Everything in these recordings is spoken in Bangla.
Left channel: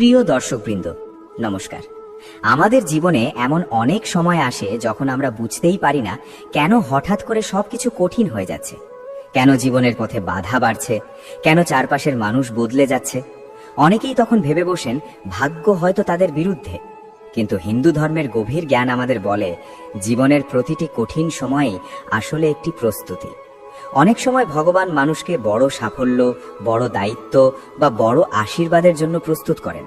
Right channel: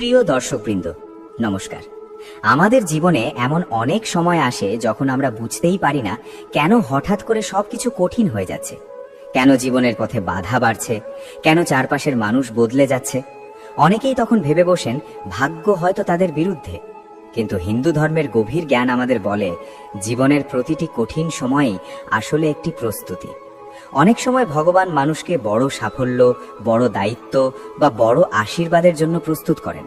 প্রিয় দর্শকবৃন্দ, নমস্কার। আমাদের জীবনে এমন অনেক সময় আসে যখন আমরা বুঝতেই পারি না কেন হঠাৎ করে সবকিছু কঠিন হয়ে যাচ্ছে, কেন জীবনের পথে বাধা বাড়ছে, কেন চারপাশের মানুষ বদলে যাচ্ছে। অনেকেই তখন ভেবে বসেন ভাগ্য হয়তো তাদের বিরুদ্ধে। কিন্তু হিন্দু ধর্মের গভীর জ্ঞান আমাদের বলে জীবনের প্রতিটি কঠিন সময়ই আসলে একটি প্রস্তুতি। অনেক সময় ভগবান মানুষকে বড় সাফল্য, বড় দায়িত্ব বা বড় আশীর্বাদের জন্য প্রস্তুত করেন,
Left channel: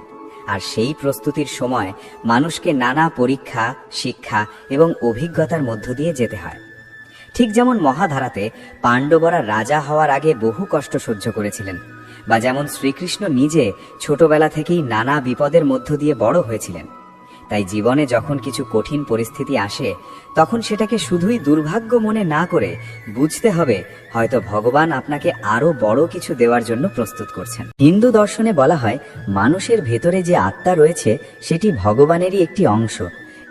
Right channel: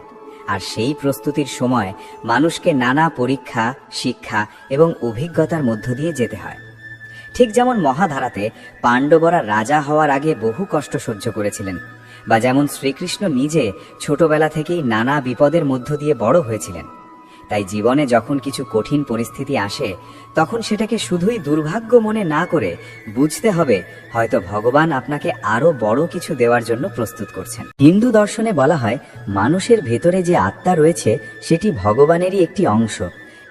আর সেই প্রস্তুতির সময় মানুষকে নানা পরীক্ষা, শিক্ষা এবং অভিজ্ঞতার মধ্য দিয়ে যেতে হয়। ঠিক যেমন মহাভারতে পাণ্ডবরা রাজা হওয়ার আগে বহু কষ্ট সহ্য করেছিলেন, বা যেমন শ্রীকৃষ্ণ নিজে ছোটবেলা থেকেই নানা বিপদের মধ্য দিয়ে বড় হয়েছিলেন। তাই জীবনে যখন কিছু কঠিন পরিস্থিতি আসে তখন সেটাকে শুধুই দুর্ভাগ্য মনে না করে বুঝতে হবে হয়তো ভগবান আপনাকে আরো বড় কিছু দেওয়ার জন্য প্রস্তুত করছেন। হিন্দু দর্শনে বলা হয় মানুষের ভেতরে যে আত্মা রয়েছে সেটি ভগবানেরই একটি অংশ,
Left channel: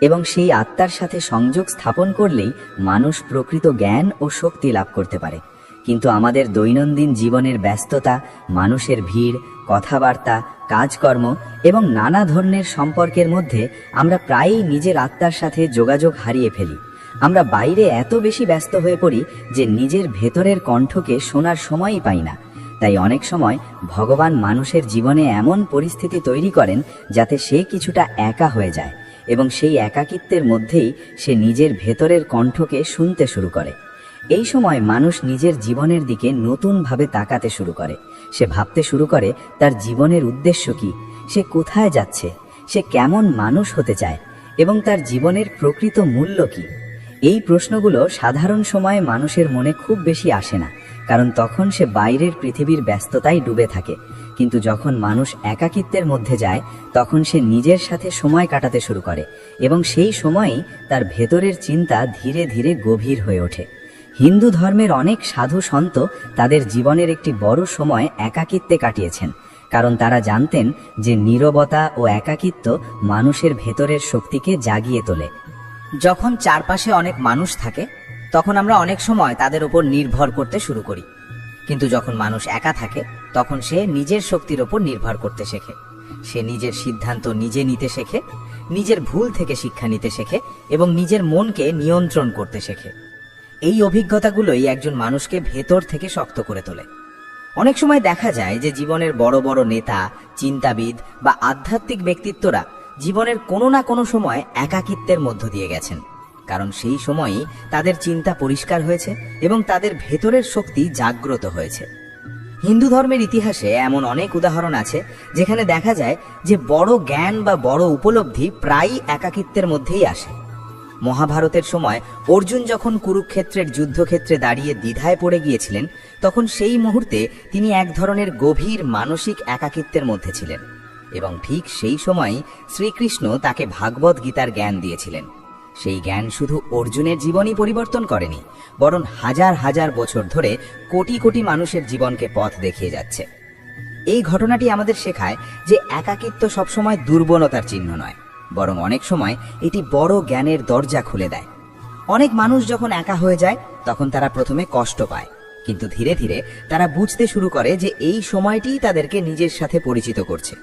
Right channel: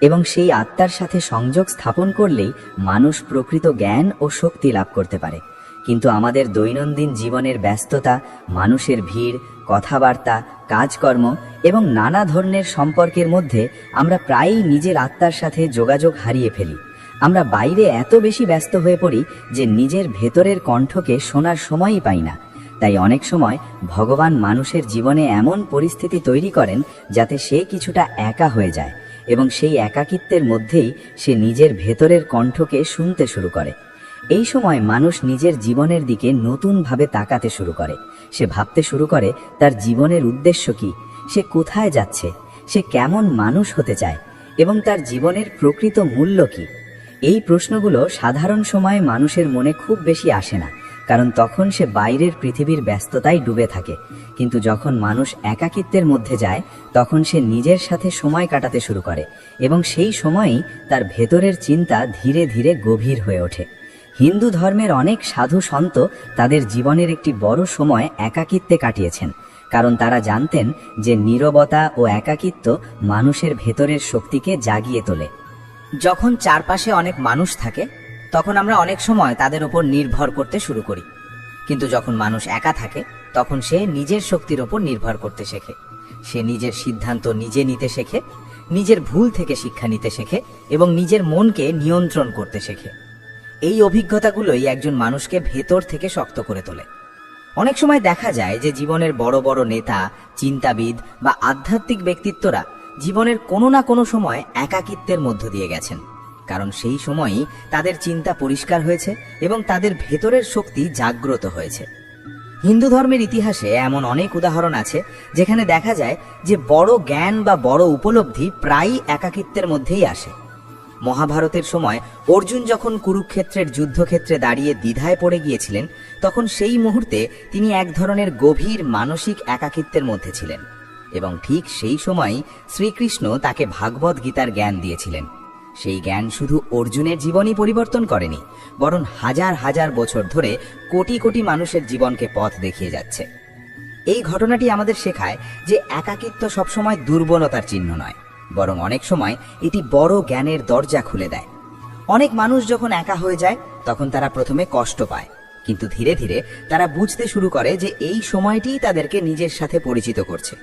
এবং সেই আত্মার সাথে সংযোগ স্থাপন করলেই মানুষ প্রকৃত জ্ঞান ও শক্তি লাভ করতে পারে। কিন্তু আমাদের দৈনন্দিন জীবনের ব্যস্ততা, মানুষের ভিড়, কথাবার্তা, কাজকর্ম এবং নানা ধরনের সম্পর্কের মধ্যে আমরা প্রায়ই নিজের আত্মার সাথে যোগাযোগ হারিয়ে ফেলি। আমরা বাইরে এত বেশি ব্যস্ত হয়ে পড়ি যে নিজের ভেতরের কণ্ঠকে শোনার সময়ই পাই না। তাই অনেক সময় ভগবান মানুষের জীবনে এমন পরিস্থিতি তৈরি করেন যাতে সে কিছুটা একা হয়ে যায়, এবং সেই একাকিত্বের মধ্যেই সে নিজের ভেতরের কণ্ঠকে শুনতে শুরু করে। এই সময় মানুষ নিজের জীবনের দিকে নতুনভাবে তাকাতে শুরু করে। সে ভাবতে শুরু করে তার জীবনের উদ্দেশ্য কি, সে কোথায় যাচ্ছে, সে কেমন মানুষ হতে চায়, এবং তার জীবনের প্রকৃত মূল্য কি। এই প্রশ্নগুলো সাধারণ সময়ে মানুষের মনে খুব বেশি আসে না, কারণ তখন সে বাইরের পৃথিবীর ব্যস্ততায় ডুবে থাকে। কিন্তু যখন মানুষ একাকিত্বের মধ্যে যায় তখন সে নিজের সাথে সময় কাটাতে শুরু করে, এবং সেই সময়ই তার ভেতরের চিন্তা ধীরে ধীরে গভীর হয়ে ওঠে। হিন্দু ধর্মের অনেক সাধু সন্ত তাদের জীবনের একটি বড় সময় একাকিত্বে কাটিয়েছেন, কারণ তারা জানতেন যে নীরবতা ও একাকিত্ব মানুষের ভেতরের শক্তিকে জাগিয়ে তোলে। যখন চারপাশে অনেক মানুষ থাকে তখন আমরা অনেক সময় তাদের উপর নির্ভর করতে শুরু করি, কিন্তু যখন মানুষ একা থাকে তখন সে নিজের শক্তির উপর নির্ভর করতে শেখে। সে নিজের সিদ্ধান্ত নিজে নিতে শেখে, নিজের ভুল থেকে শিক্ষা নিতে শেখে এবং নিজের মনকে নিয়ন্ত্রণ করতে শেখে। এই অভিজ্ঞতাগুলোই একজন মানুষকে ভেতর থেকে শক্ত করে তোলে। অনেক সময় দেখা যায় যে জীবনের বড় বড় নেতা, চিন্তাবিদ বা আধ্যাত্মিক ব্যক্তিত্বরা জীবনের কোনো না কোনো সময় একাকিত্বের মধ্য দিয়ে গেছেন, কারণ সেই সময়ই তাদের চিন্তা পরিষ্কার হয়েছে এবং তাদের ভেতরের শক্তি জাগ্রত হয়েছে। হিন্দু ধর্মের ইতিহাসে এমন অনেক উদাহরণ আছে যেখানে দেখা যায় যে বড় জ্ঞান বা বড় উপলব্ধি প্রায়ই একাকিত্বের মধ্যেই আসে। মহাভারতের সময় অর্জুন যখন কুরুক্ষেত্রের যুদ্ধক্ষেত্রে দাঁড়িয়ে দ্বিধায় পড়ে গিয়েছিলেন তখন সেই মুহূর্তে তিনি এক ধরনের গভীর মানসিক একাকিত্বের মধ্যে ছিলেন, এবং ঠিক সেই সময়ই শ্রীকৃষ্ণ তাকে ভাগবত গীতার জ্ঞান দিয়েছিলেন। সেই জ্ঞান শুধু অর্জুনের জীবনই পরিবর্তন করেনি, বরং হাজার হাজার বছর ধরে কোটি কোটি মানুষের জীবনকে পথ দেখিয়ে যাচ্ছে। এই ঘটনাটি আমাদের শেখায় যে একাকিত্ব সবসময় দুর্বলতার চিহ্ন নয়, বরং অনেক সময় এটি বড় জ্ঞানের দরজা খুলে দেয়। অনেক মানুষ যখন একা হয়ে যায় তখন তারা প্রথমে কষ্ট পায়, কিন্তু ধীরে ধীরে তারা বুঝতে শুরু করে যে এই সময়টিই তাদেরকে নিজের সাথে পরিচিত করছে।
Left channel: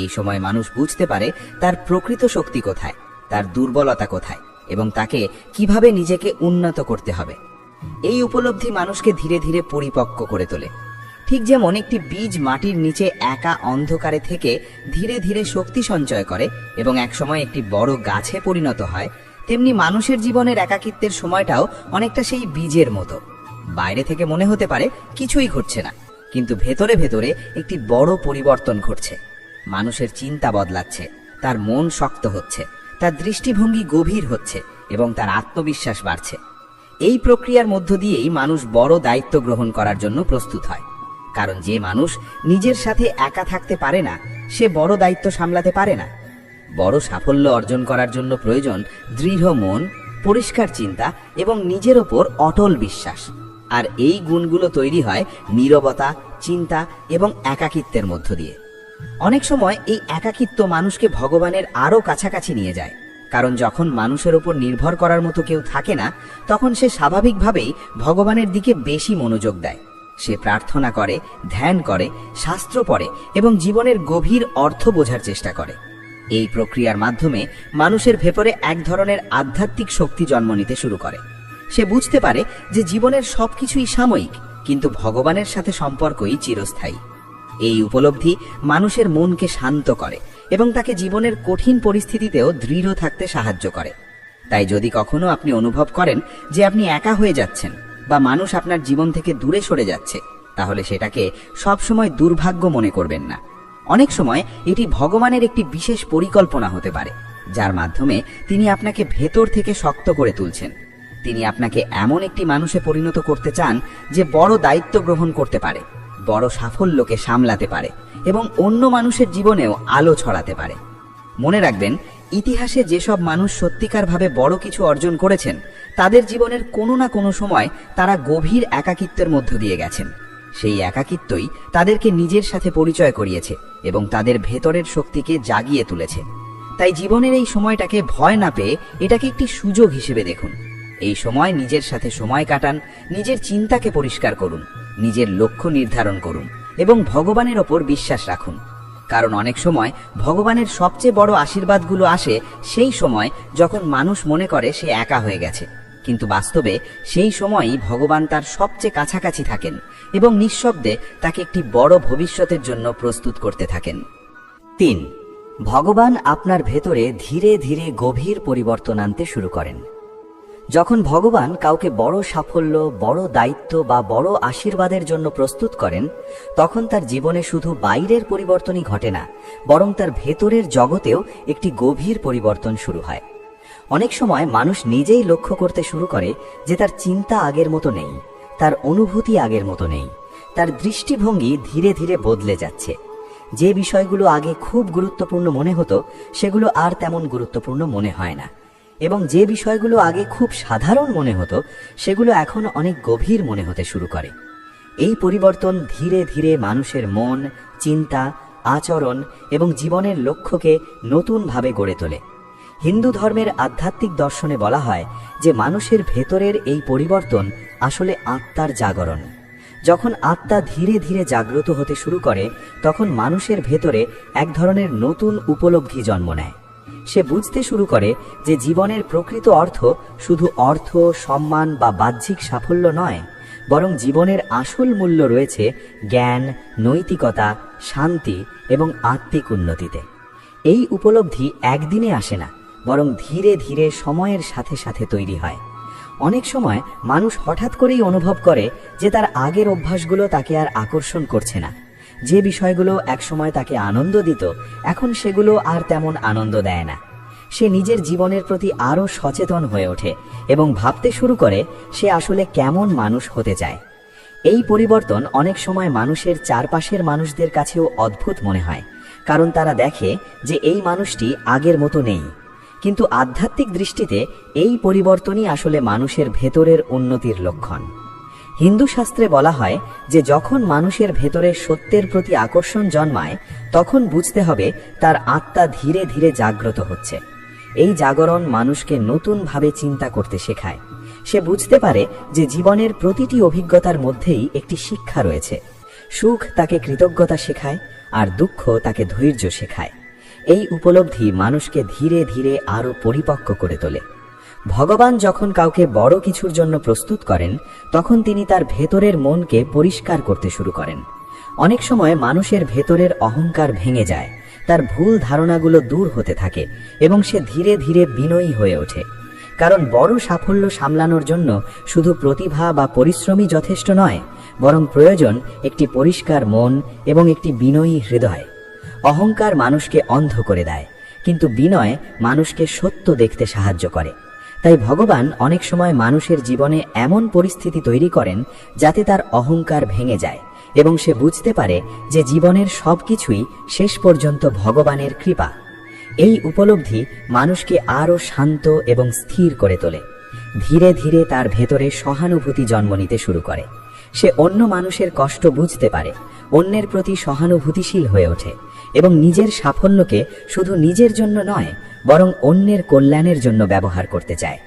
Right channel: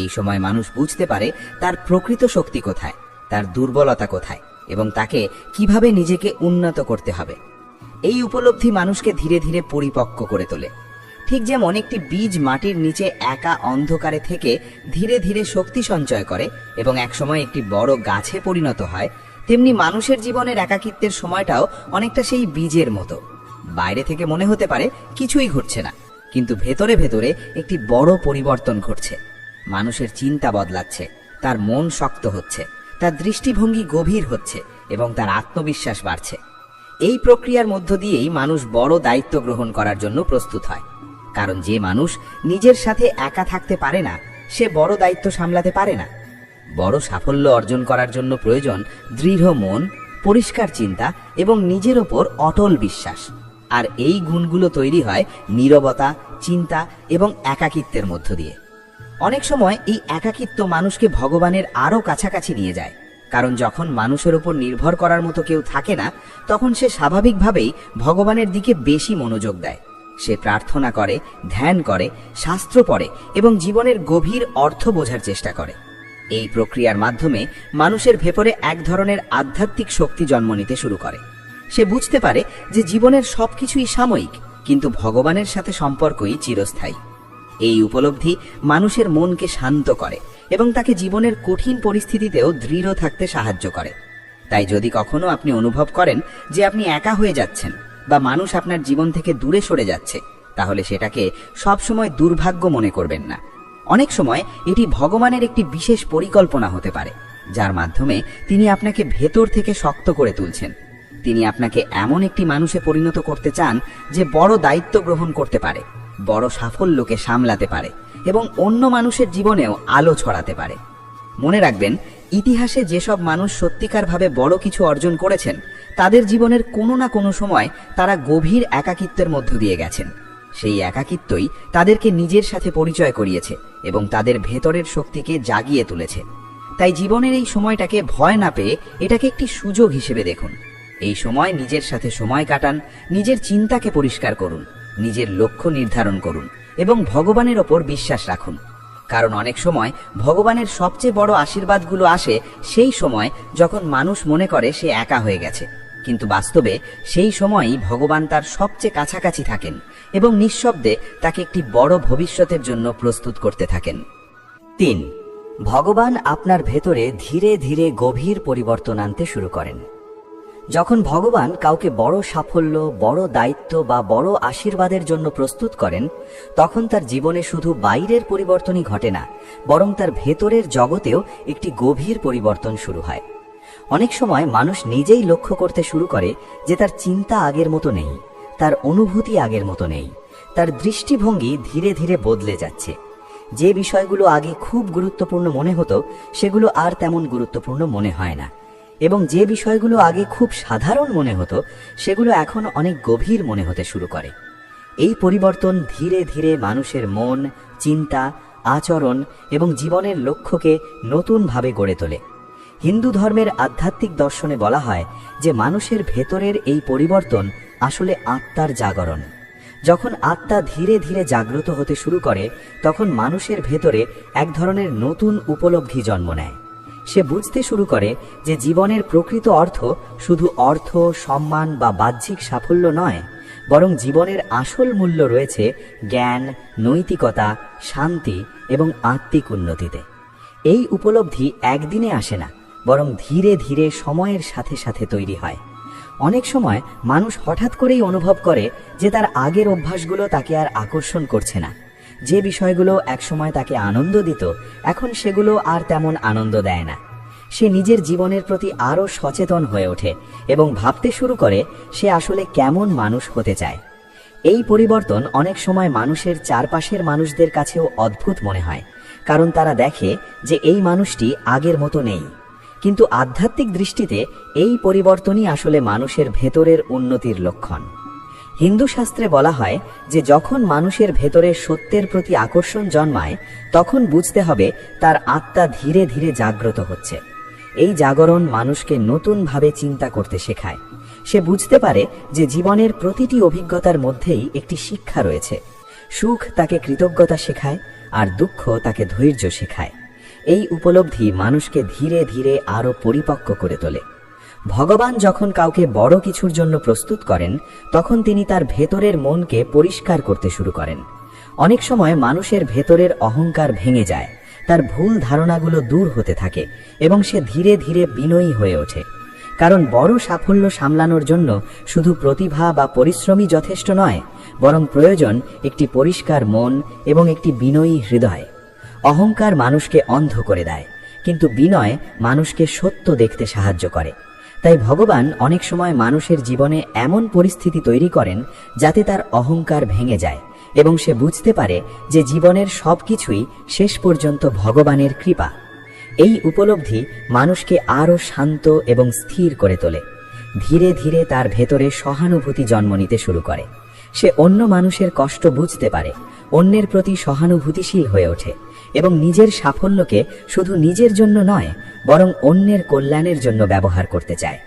এই সময় মানুষ বুঝতে পারে তার প্রকৃত শক্তি কোথায়, তার দুর্বলতা কোথায়, এবং তাকে কিভাবে নিজেকে উন্নত করতে হবে। এই উপলব্ধি মানুষকে ধীরে ধীরে পরিপক্ক করে তোলে। ঠিক যেমন একটি বীজ মাটির নিচে একা অন্ধকারে থেকে ধীরে ধীরে শক্তি সঞ্চয় করে এবং একসময় একটি বড় গাছে পরিণত হয়, তেমনি মানুষের জীবনের একাকিত্বের সময়টাও অনেকটা সেই বীজের মতো। বাইরে থেকে মনে হতে পারে কিছুই ঘটছে না, কিন্তু ভেতরে ভেতরে একটি বড় পরিবর্তন ঘটছে। মানুষের চিন্তা বদলাচ্ছে, তার মন শক্ত হচ্ছে, তার দৃষ্টিভঙ্গি গভীর হচ্ছে এবং তার আত্মবিশ্বাস বাড়ছে। এই প্রক্রিয়ার মধ্য দিয়েই মানুষ বড় দায়িত্ব গ্রহণ করার জন্য প্রস্তুত হয়, কারণ যে মানুষ নিজের সাথে একা থাকতে পারে না সে বড় দায়িত্ব সামলাতে পারে না। বড় সাফল্য অর্জন করার জন্য প্রয়োজন দৃঢ় মন, পরিষ্কার চিন্তা এবং নিজের ওপর অটল বিশ্বাস। আর এই গুণগুলো তৈরি হয় নীরবতা, চিন্তা এবং একাকিত্বের মধ্য দিয়ে। অনেক সময় এই একাকিত্ব মানুষকে ভগবানের আরো কাছাকাছি নিয়ে যায়, কারণ যখন মানুষের উপর নির্ভর করার মতো কেউ থাকে না তখন সে স্বাভাবিকভাবেই ভগবানের দিকে বেশি মনোযোগ দেয়। সে প্রার্থনা করে, ধ্যান করে, শাস্ত্র পড়ে এবং জীবনের গভীর অর্থ বোঝার চেষ্টা করে। এই প্রক্রিয়ার মাধ্যমে মানুষের ভেতরে এক ধরনের আধ্যাত্মিক শক্তি জন্ম নিতে শুরু করে। সে বুঝতে পারে যে জীবনের সবকিছুই সাময়িক, কিন্তু ভগবানের সাথে সম্পর্কই চিরস্থায়ী। এই উপলব্ধি মানুষের মনকে শান্ত করে এবং তাকে জীবনের কঠিন পরিস্থিতিতেও দৃঢ় থাকতে সাহায্য করে। তাই যদি কখনো আপনি অনুভব করেন যে আপনি একা হয়ে যাচ্ছেন বা মানুষ আপনার জীবন থেকে দূরে সরে যাচ্ছে, তাহলে সেটাকে সবসময় দুর্ভাগ্য মনে করবেন না। অনেক সময় এটি ভগবানের একটি বিশেষ পরিকল্পনা হতে পারে, যার মাধ্যমে তিনি আপনাকে ভেতর থেকে শক্ত করে তুলছেন। তিনি আপনাকে এমন একটি মানুষে পরিণত করতে চান যে বড় দায়িত্ব গ্রহণ করতে পারে, বড় সাফল্যকে সামলাতে পারে এবং অন্য মানুষের জীবনেও আলো ছড়াতে পারে। মনে রাখবেন, ইতিহাসে যেসব মানুষ সত্যিকারভাবে বড় কিছু অর্জন করেছেন, তাদের জীবনের কোনো না কোনো সময় তারা গভীর একাকিত্বের মধ্য দিয়ে গেছেন। সেই একাকিত্বই তাদেরকে নিজের সাথে পরিচয় করিয়েছে এবং তাদের ভেতরের শক্তিকে জাগিয়ে তুলেছে। তাই জীবনের এই সময়টাকে ভয় না পেয়ে এটাকে একটি সুযোগ হিসেবে দেখুন। এই সময় নিজের সাথে সময় কাটান, নিজের চিন্তাকে পরিষ্কার করুন, নিজের লক্ষ্য নির্ধারণ করুন এবং ভগবানের ওপর বিশ্বাস রাখুন। কারণ অনেক সময় ভগবানের সবচেয়ে বড় আশীর্বাদগুলো আসে সেই সময় যখন মানুষ মনে করে সে একা হয়ে গেছে, কিন্তু বাস্তবে সেই সময়ই ভগবান তার সবচেয়ে কাছাকাছি থাকেন এবং নিঃশব্দে তাকে একটি বড় ভবিষ্যতের জন্য প্রস্তুত করতে থাকেন। 3. ভগবান আপনার ভেতরে ধীরে ধীরে গভীর পরিবর্তন আনতে শুরু করেন। যখন ভগবান কাউকে বড় সাফল্য, বড় দায়িত্ব বা বড় আশীর্বাদের জন্য প্রস্তুত করেন, তখন তার জীবনে শুধু বাইরের পরিবর্তনই ঘটে না, বরং তার ভেতরের জগতেও একটি গভীর পরিবর্তন শুরু হয়। অনেক সময় মানুষ নিজেই লক্ষ্য করতে শুরু করে যে তার চিন্তা আগের মতো নেই, তার অনুভূতি আগের মতো নেই, তার দৃষ্টিভঙ্গি ধীরে ধীরে বদলে যাচ্ছে। যে বিষয়গুলো আগে খুব গুরুত্বপূর্ণ মনে হতো, সেগুলো আর তেমন গুরুত্বপূর্ণ মনে হয় না, এবং যে বিষয়গুলো আগে খুব সাধারণ মনে হতো, সেগুলো এখন অনেক গভীর মনে হতে শুরু করে। এই পরিবর্তন ধীরে ধীরে মানুষের মন, চিন্তা, আচরণ এবং জীবনের লক্ষ্যকে নতুনভাবে গড়ে তোলে। হিন্দু ধর্মের আধ্যাত্মিক দর্শনে বলা হয় যে মানুষের ভেতরের এই পরিবর্তন আসলে আত্মার জাগরণ। যখন আত্মা ধীরে ধীরে জাগ্রত হতে শুরু করে, তখন মানুষের ভেতরে এক ধরনের নতুন উপলব্ধি জন্ম নেয়। সে বুঝতে শুরু করে যে জীবনের প্রকৃত অর্থ শুধু অর্থ, সম্মান বা বাহ্যিক সাফল্য নয়, বরং জীবনের আসল মূল্য রয়েছে জ্ঞান, নৈতিকতা, শান্তি এবং আত্মিক উন্নতিতে। এই উপলব্ধি একদিনে আসে না, বরং ধীরে ধীরে সময়ের সাথে সাথে তৈরি হয়। অনেক সময় মানুষ হঠাৎ করেই অনুভব করে যে তার আগের অভ্যাসগুলো তাকে আর আকর্ষণ করছে না। যে বিষয়গুলো একসময় তাকে আনন্দ দিত, এখন সেগুলো আর তেমন আনন্দ দেয় না। সে নিজের জীবনের প্রতি আরও সচেতন হয়ে ওঠে এবং ভাবতে শুরু করে সে আসলে কেমন মানুষ হতে চায়। এই পরিবর্তন অনেক সময় মানুষের চারপাশের মানুষদের কাছেও অদ্ভুত মনে হয়, কারণ তারা দেখে যে এই মানুষটি আগের মতো নেই। কিন্তু আধ্যাত্মিক দৃষ্টিতে এই পরিবর্তনই আসলে মানুষের ভেতরের উন্নতির লক্ষণ। হিন্দু শাস্ত্রে বলা হয় যে যখন মানুষের ভেতরে সত্যের প্রতি আকর্ষণ জন্মায়, তখন বুঝতে হবে তার আত্মা ধীরে ধীরে জাগ্রত হচ্ছে। এই জাগরণ মানুষকে নতুনভাবে চিন্তা করতে শেখায়। সে বুঝতে পারে যে জীবনের প্রতিটি অভিজ্ঞতার মধ্যেই একটি শিক্ষা রয়েছে। সুখ তাকে কৃতজ্ঞতা শেখায়, আর দুঃখ তাকে ধৈর্য শেখায়। এই উপলব্ধি মানুষকে ধীরে ধীরে আরো পরিপক্ক করে তোলে। ভগবান যখন কাউকে বড় কিছুর জন্য প্রস্তুত করেন, তখন তিনি তার ভেতরের মনকে পরিষ্কার করতে শুরু করেন। অনেক সময় মানুষের ভেতরের অহংকার ভেঙে যায়, তার ভুল ধারণাগুলো দূর হতে থাকে এবং সে ধীরে ধীরে বিনয়ী হয়ে ওঠে। কারণ বড় সাফল্য সামলানোর জন্য শুধু প্রতিভা বা পরিশ্রমই যথেষ্ট নয়, বরং প্রয়োজন একটি পরিষ্কার মন এবং একটি বিনয়ী হৃদয়। অহংকার মানুষকে অন্ধ করে দেয়, কিন্তু বিনয় মানুষকে সত্য দেখতে সাহায্য করে। তাই ভগবান অনেক সময় মানুষের জীবনে এমন পরিস্থিতি তৈরি করেন যাতে তার অহংকার ভেঙে যায় এবং সে বুঝতে পারে যে জীবনের সবকিছুই শেষ পর্যন্ত ভগবানের কৃপা। এই উপলব্ধি মানুষকে আরো শান্ত এবং স্থির করে তোলে। ধীরে ধীরে তার ভেতরে সহানুভূতি জন্ম নিতে শুরু করে। সে অন্য মানুষের কষ্ট বুঝতে পারে, অন্যের প্রতি সহানুভূতিশীল হয়ে ওঠে এবং নিজের সাফল্যকে শুধু নিজের জন্য নয়, বরং অন্যের কল্যাণের জন্য ব্যবহার করতে চায়।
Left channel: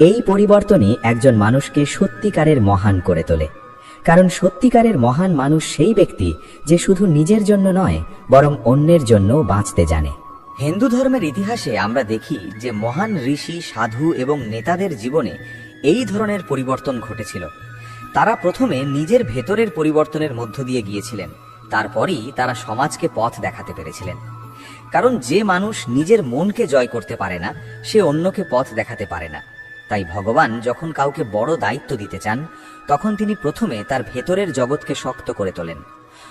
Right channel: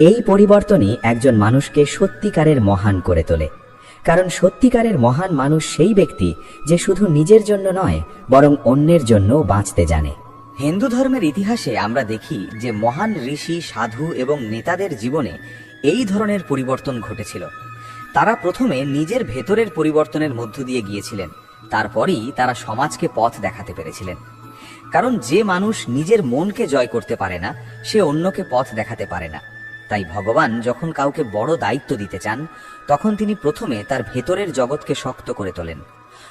এই পরিবর্তনই একজন মানুষকে সত্যিকারের মহান করে তোলে। কারণ সত্যিকারের মহান মানুষ সেই ব্যক্তি যে শুধু নিজের জন্য নয়, বরং অন্যের জন্য বাঁচতে জানে। হিন্দু ধর্মের ইতিহাসে আমরা দেখি যে মহান ঋষি, সাধু এবং নেতাদের জীবনে এই ধরনের পরিবর্তন ঘটেছিল। তারা প্রথমে নিজের ভেতরের পরিবর্তনের মধ্য দিয়ে গিয়েছিলেন, তারপরেই তারা সমাজকে পথ দেখাতে পেরেছিলেন। কারণ যে মানুষ নিজের মনকে জয় করতে পারে না, সে অন্যকে পথ দেখাতে পারে না। তাই ভগবান যখন কাউকে বড় দায়িত্ব দিতে চান, তখন তিনি প্রথমে তার ভেতরের জগৎকে শক্ত করে তোলেন।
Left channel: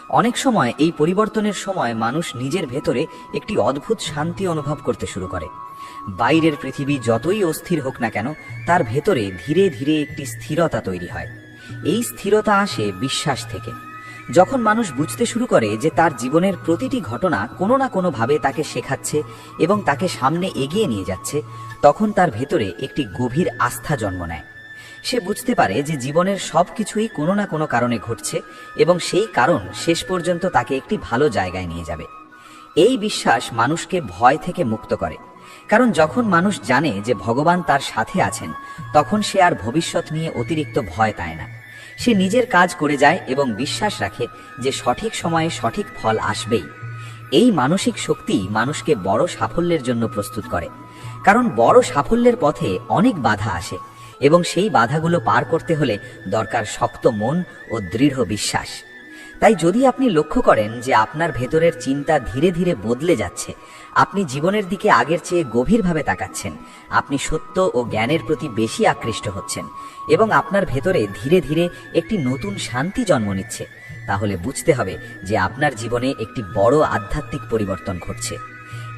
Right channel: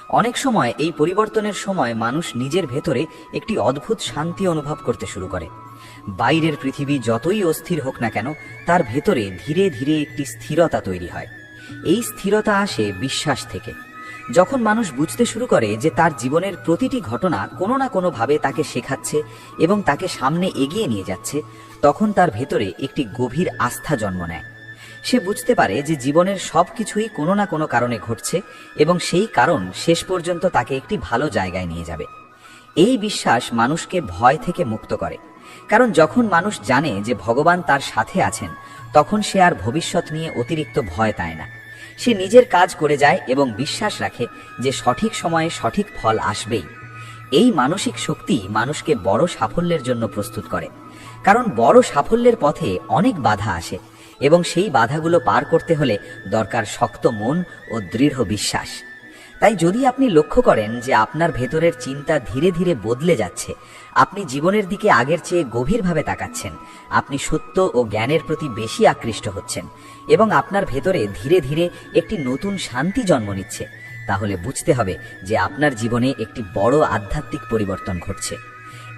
অনেক সময় এই পরিবর্তনের সময় মানুষ নিজের ভেতরে একটি অদ্ভুত শান্তি অনুভব করতে শুরু করে। বাইরের পৃথিবী যতই অস্থির হোক না কেন, তার ভেতরে ধীরে ধীরে একটি স্থিরতা তৈরি হয়। এই স্থিরতা আসে বিশ্বাস থেকে। যখন মানুষ বুঝতে শুরু করে যে তার জীবনের প্রতিটি ঘটনা কোনো না কোনোভাবে তাকে শেখাচ্ছে এবং তাকে সামনে এগিয়ে নিয়ে যাচ্ছে, তখন তার ভেতরে একটি গভীর আস্থা জন্ম নেয়। সে বুঝতে পারে যে জীবনের সবকিছুই কোনো না কোনো কারণে ঘটছে এবং সেই কারণ শেষ পর্যন্ত তাকে একটি ভালো জায়গায় নিয়ে যাবে। এই বিশ্বাস মানুষকে ভয় থেকে মুক্ত করে। কারণ যখন মানুষ জানে যে ভগবান তার সাথে আছেন, তখন সে আর ভবিষ্যৎ নিয়ে অতিরিক্ত ভয় পায় না। সে নিজের কাজ করে যায় এবং বিশ্বাস রাখে যে সঠিক সময়ে সঠিক ফল আসবেই। এই মানসিক শক্তি মানুষকে বড় সাফল্যের জন্য প্রস্তুত করে। কারণ বড় সাফল্যের পথে অনেক বাধা আসে এবং সেই বাধাগুলো পার করতে হলে দরকার শক্ত মন ও দৃঢ় বিশ্বাস। তাই যদি আপনি লক্ষ্য করেন যে আপনার ভেতরের চিন্তা ধীরে ধীরে বদলে যাচ্ছে, আপনি জীবনের দিকে আগের চেয়ে গভীরভাবে তাকাচ্ছেন, আপনি সত্য ও জ্ঞানের প্রতি বেশি আকৃষ্ট হচ্ছেন এবং আপনার ভেতরে ধীরে ধীরে একটি নতুন শান্তি জন্ম নিচ্ছে, তাহলে বুঝতে হবে যে আপনার জীবনে একটি বড় আধ্যাত্মিক পরিবর্তন ঘটছে।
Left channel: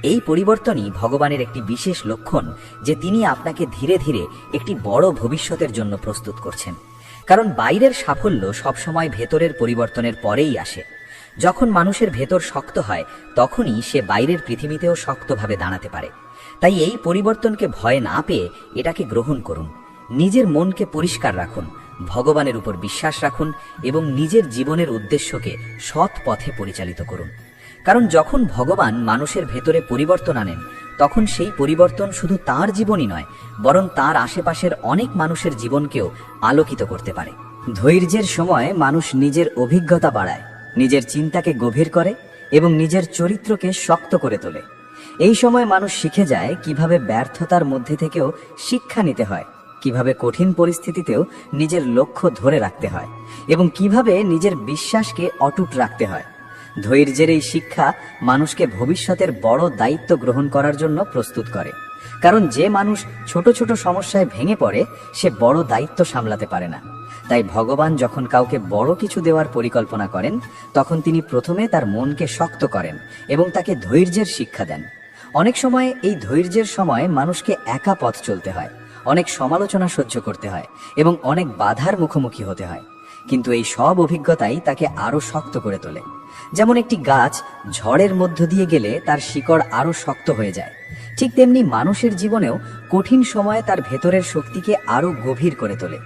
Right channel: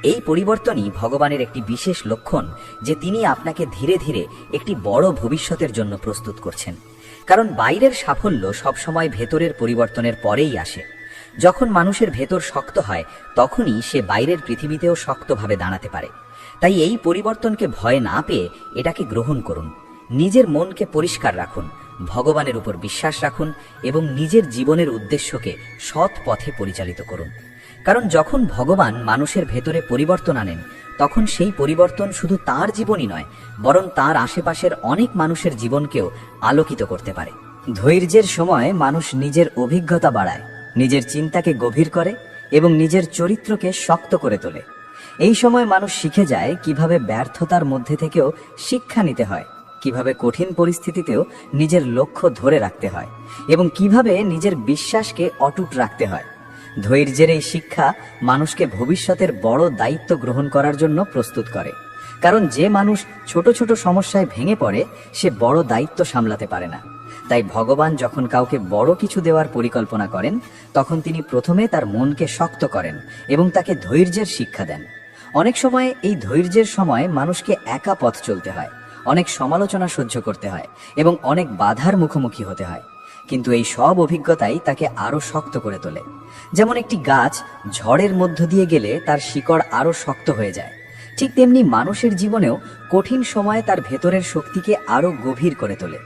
এই পরিবর্তনই ভগবানের একটি বিশেষ লক্ষণ যে তিনি আপনাকে ধীরে ধীরে একটি বড় ভবিষ্যতের জন্য প্রস্তুত করছেন। কারণ বাইরের সাফল্য সবসময় ভেতরের পরিবর্তনের পরেই আসে। যখন মানুষের ভেতর শক্ত হয়, তখনই সে বাইরের পৃথিবীতেও শক্তভাবে দাঁড়াতে পারে। তাই এই পরিবর্তনকে ভয় না পেয়ে এটাকে গ্রহণ করুন। নিজের মনকে পরিষ্কার রাখুন, ভগবানের উপর বিশ্বাস রাখুন এবং নিজের জীবনের উদ্দেশ্যকে সৎ পথে পরিচালিত করুন। কারণ যখন ভগবান মানুষের ভেতরে পরিবর্তন আনেন, তখন সেই পরিবর্তন শুধু তার জীবনই নয়, বরং তার আশেপাশের অনেক মানুষের জীবনকেও আলোকিত করতে পারে। ধৈর্যের সময় মানুষ নিজের অভিজ্ঞতা বাড়ায়, নিজের চিন্তাকে গভীর করে এবং নিজের চরিত্রকে শক্ত করে তোলে। এই সময় মানুষ শিখে যায় কিভাবে ব্যর্থতার মধ্যে থেকেও শিক্ষা নিতে হয়, কিভাবে কঠিন পরিস্থিতিতেও নিজের লক্ষ্য ধরে রাখতে হয় এবং কিভাবে নিজের বিশ্বাসকে অটুট রাখতে হয়। ধৈর্যের এই শিক্ষা মানুষকে ভবিষ্যতের বড় দায়িত্ব গ্রহণ করার জন্য প্রস্তুত করে। কারণ যে মানুষ ছোট ছোট সমস্যায় ভেঙে পড়ে, সে বড় দায়িত্ব সামলাতে পারে না। তাই ভগবান যখন কাউকে বড় কিছু দেওয়ার পরিকল্পনা করেন, তখন তিনি প্রথমে তার মনকে শক্ত করেন এবং তাকে ধৈর্যের শিক্ষা দেন। অনেক সময় এই ধৈর্যের সময় মানুষকে একা পথ চলতে হয়, অনেক সমালোচনা সহ্য করতে হয় এবং অনেক বাধার মুখোমুখি হতে হয়। কিন্তু এই সব অভিজ্ঞতাই তাকে আরো শক্ত করে তোলে। যেমন একটি গাছ ঝড়ের মধ্য দিয়ে গেলে তার শিকড় আরো শক্ত হয়ে যায়, ঠিক তেমনি মানুষের জীবনেও কঠিন সময়ে তার ভেতরের শক্তিকে আরো গভীর করে তোলে।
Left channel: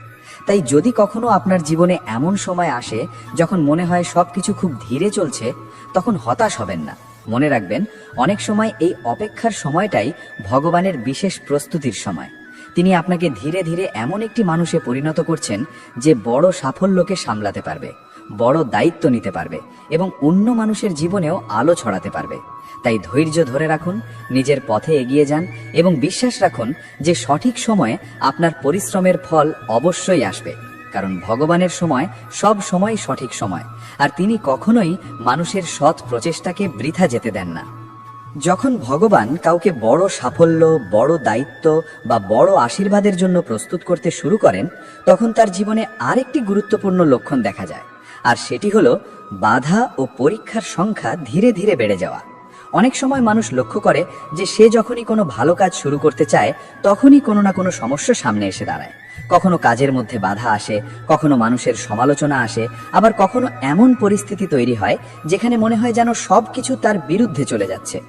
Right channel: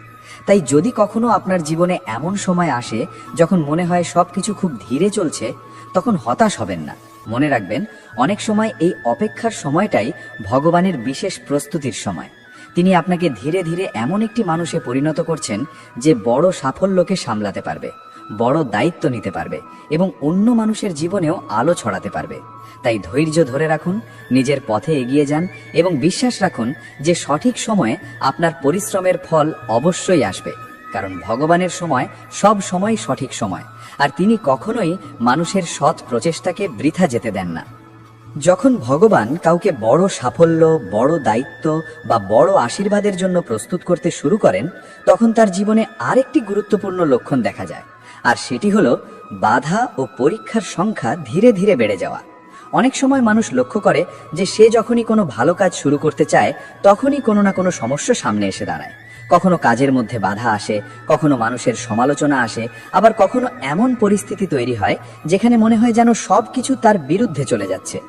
তাই যদি কখনো আপনার জীবনে এমন সময় আসে যখন মনে হয় সবকিছু খুব ধীরে চলছে, তখন হতাশ হবেন না। মনে রাখবেন, অনেক সময় এই অপেক্ষার সময়টাই ভগবানের বিশেষ প্রস্তুতির সময়। তিনি আপনাকে ধীরে ধীরে এমন একটি মানুষে পরিণত করছেন যে বড় সাফল্যকে সামলাতে পারবে, বড় দায়িত্ব নিতে পারবে এবং অন্য মানুষের জীবনেও আলো ছড়াতে পারবে। তাই ধৈর্য ধরে রাখুন, নিজের পথে এগিয়ে যান এবং বিশ্বাস রাখুন যে সঠিক সময়ে আপনার পরিশ্রমের ফল অবশ্যই আসবে। কারণ ভগবানের সময় সব সময় সঠিক সময়, আর তিনি কখনোই মানুষের সৎ প্রচেষ্টাকে বৃথা যেতে দেন না। যখন ভগবান কাউকে বড় সাফল্য, বড় দায়িত্ব বা বড় আশীর্বাদের জন্য প্রস্তুত করতে শুরু করেন, তখন তার জীবনে আরেকটি গুরুত্বপূর্ণ লক্ষণ দেখা যায়, আর সেটি হলো বাধা ও পরীক্ষার সংখ্যা ধীরে ধীরে বেড়ে যাওয়া। অনেক সময় মানুষ লক্ষ্য করে যে সে যখনই কোনো ভালো কাজ শুরু করতে চায়, তখনই কোনো না কোনো সমস্যা সামনে এসে দাঁড়ায়। কখনো কাজের মধ্যে বাধা আসে, কখনো মানুষের সমালোচনা আসে, আবার কখনো এমন পরিস্থিতি তৈরি হয় যেখানে মনে হয় যেন সবকিছু তার বিরুদ্ধে চলে যাচ্ছে।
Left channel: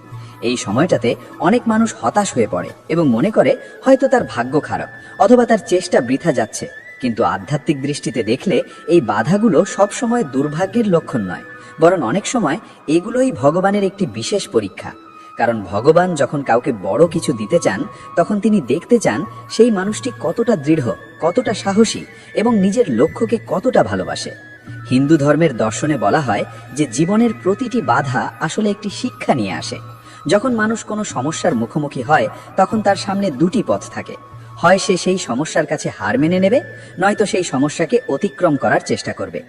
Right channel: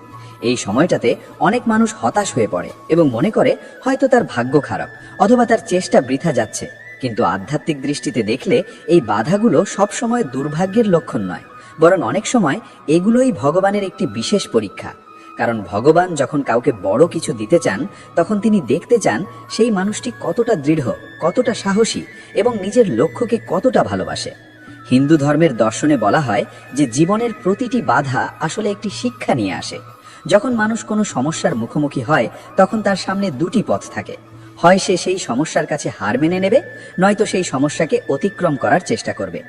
এই সময়টাতে অনেক মানুষ হতাশ হয়ে পড়ে এবং মনে করে হয়তো তার ভাগ্য খারাপ অথবা তার চেষ্টা বৃথা যাচ্ছে। কিন্তু আধ্যাত্মিক দৃষ্টিতে দেখলে এই বাধাগুলো সবসময় দুর্ভাগ্যের লক্ষণ নয়, বরং অনেক সময় এগুলোই ভগবানের একটি বিশেষ পরীক্ষা। কারণ ভগবান যখন কাউকে বড় কিছু দিতে চান, তখন তিনি দেখতে চান সেই মানুষটি কতটা দৃঢ়, কতটা সাহসী এবং নিজের লক্ষ্যকে কতটা ভালোবাসে। হিন্দু ধর্মের দর্শনে বলা হয় যে জীবনের প্রতিটি বাধা আসলে একটি শিক্ষা নিয়ে আসে। যখন মানুষ কোনো সমস্যার মুখোমুখি হয় তখন তার সামনে দুটি পথ থাকে, হয় সে সেই সমস্যার কাছে হার মেনে নেবে, নয়তো সেই সমস্যাকে অতিক্রম করার চেষ্টা করবে।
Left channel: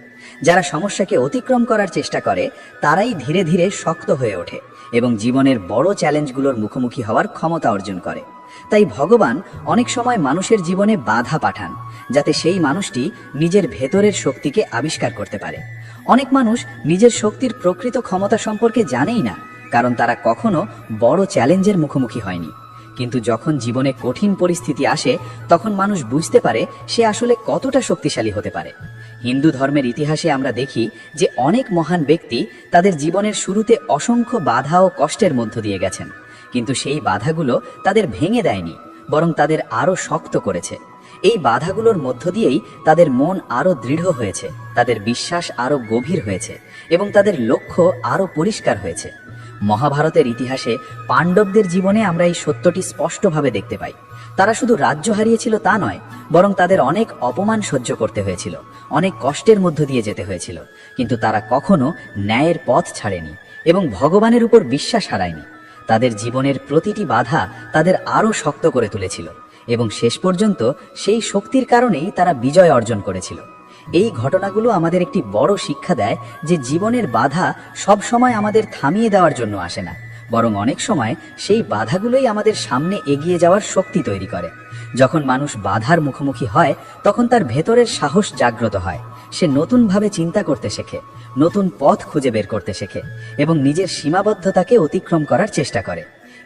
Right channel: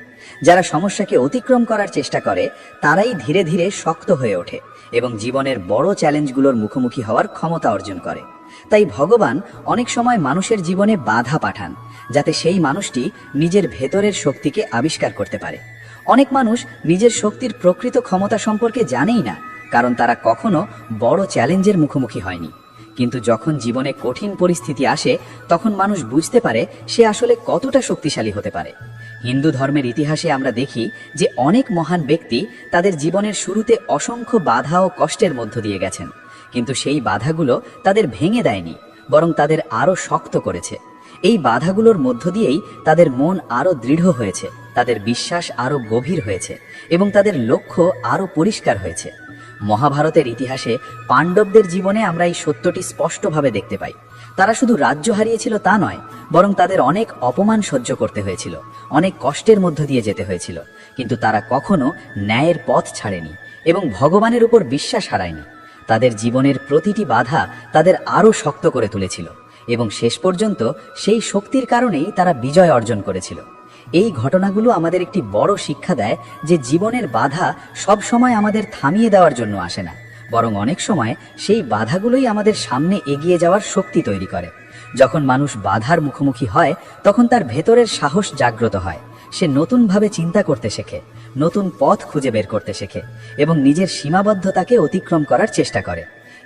যারা সমস্যাকে অতিক্রম করার চেষ্টা করে তারাই ধীরে ধীরে শক্ত হয়ে ওঠে এবং জীবনের বড় চ্যালেঞ্জগুলোর মুখোমুখি হওয়ার ক্ষমতা অর্জন করে। তাই ভগবান অনেক সময় মানুষের জীবনে বাধা পাঠান, যাতে সেই মানুষটি নিজের ভেতরের শক্তিকে আবিষ্কার করতে পারে। অনেক মানুষ নিজের শক্তির প্রকৃত ক্ষমতা সম্পর্কে জানেই না, কারণ তারা কখনো বড় চ্যালেঞ্জের মুখোমুখি হয়নি। কিন্তু যখন জীবনে কঠিন পরিস্থিতি আসে তখন মানুষ বুঝতে পারে সে আসলে কতটা শক্তিশালী হতে পারে। হিন্দু ধর্মের ইতিহাসে আমরা দেখি যে অনেক মহান ব্যক্তি তাদের জীবনের শুরুতে অসংখ্য বাধা ও কষ্টের মধ্য দিয়ে গেছেন, কিন্তু সেই বাধাগুলো তাদের ভেঙে দেয়নি, বরং তাদের আরো শক্ত করেছে। এই বাধাগুলোর মধ্য দিয়েই তাদের মন আরো দৃঢ় হয়েছে, তাদের বিশ্বাস আরো গভীর হয়েছে এবং তাদের লক্ষ্য আরো পরিষ্কার হয়েছে। মহাভারতের ইতিহাসে পাণ্ডবদের জীবনে আমরা এই সত্যটি স্পষ্টভাবে দেখতে পাই। তারা শুধু রাজ্য হারিয়েছিল তা নয়, বরং তাদের অনেক অপমান সহ্য করতে হয়েছিল, অনেক কষ্টের মধ্য দিয়ে যেতে হয়েছিল, কিন্তু তারা কখনো ন্যায়ের পথ ছাড়েনি এবং ভগবানের উপর বিশ্বাস হারায়নি। তাদের জীবনের প্রতিটি বাধা তাদের আরো শক্ত করে তুলেছিল এবং শেষ পর্যন্ত সেই শক্তির কারণেই তারা বিজয় অর্জন করেছিল। এই ঘটনাগুলো আমাদের একটি বড় শিক্ষা দেয় যে জীবনের বাধা সব সময় আমাদের থামিয়ে দেওয়ার জন্য আসে না, বরং অনেক সময় সেই বাধাগুলোই আমাদের সামনে এগিয়ে যাওয়ার শক্তি তৈরি করে। যখন মানুষ বাধার মুখোমুখি হয় তখন তার ভেতরের সাহস জাগ্রত হয়, সে নতুনভাবে চিন্তা করতে শেখে, নতুন পথ খুঁজে বের করতে শেখে এবং নিজের সীমাবদ্ধতাকে অতিক্রম করার চেষ্টা করে।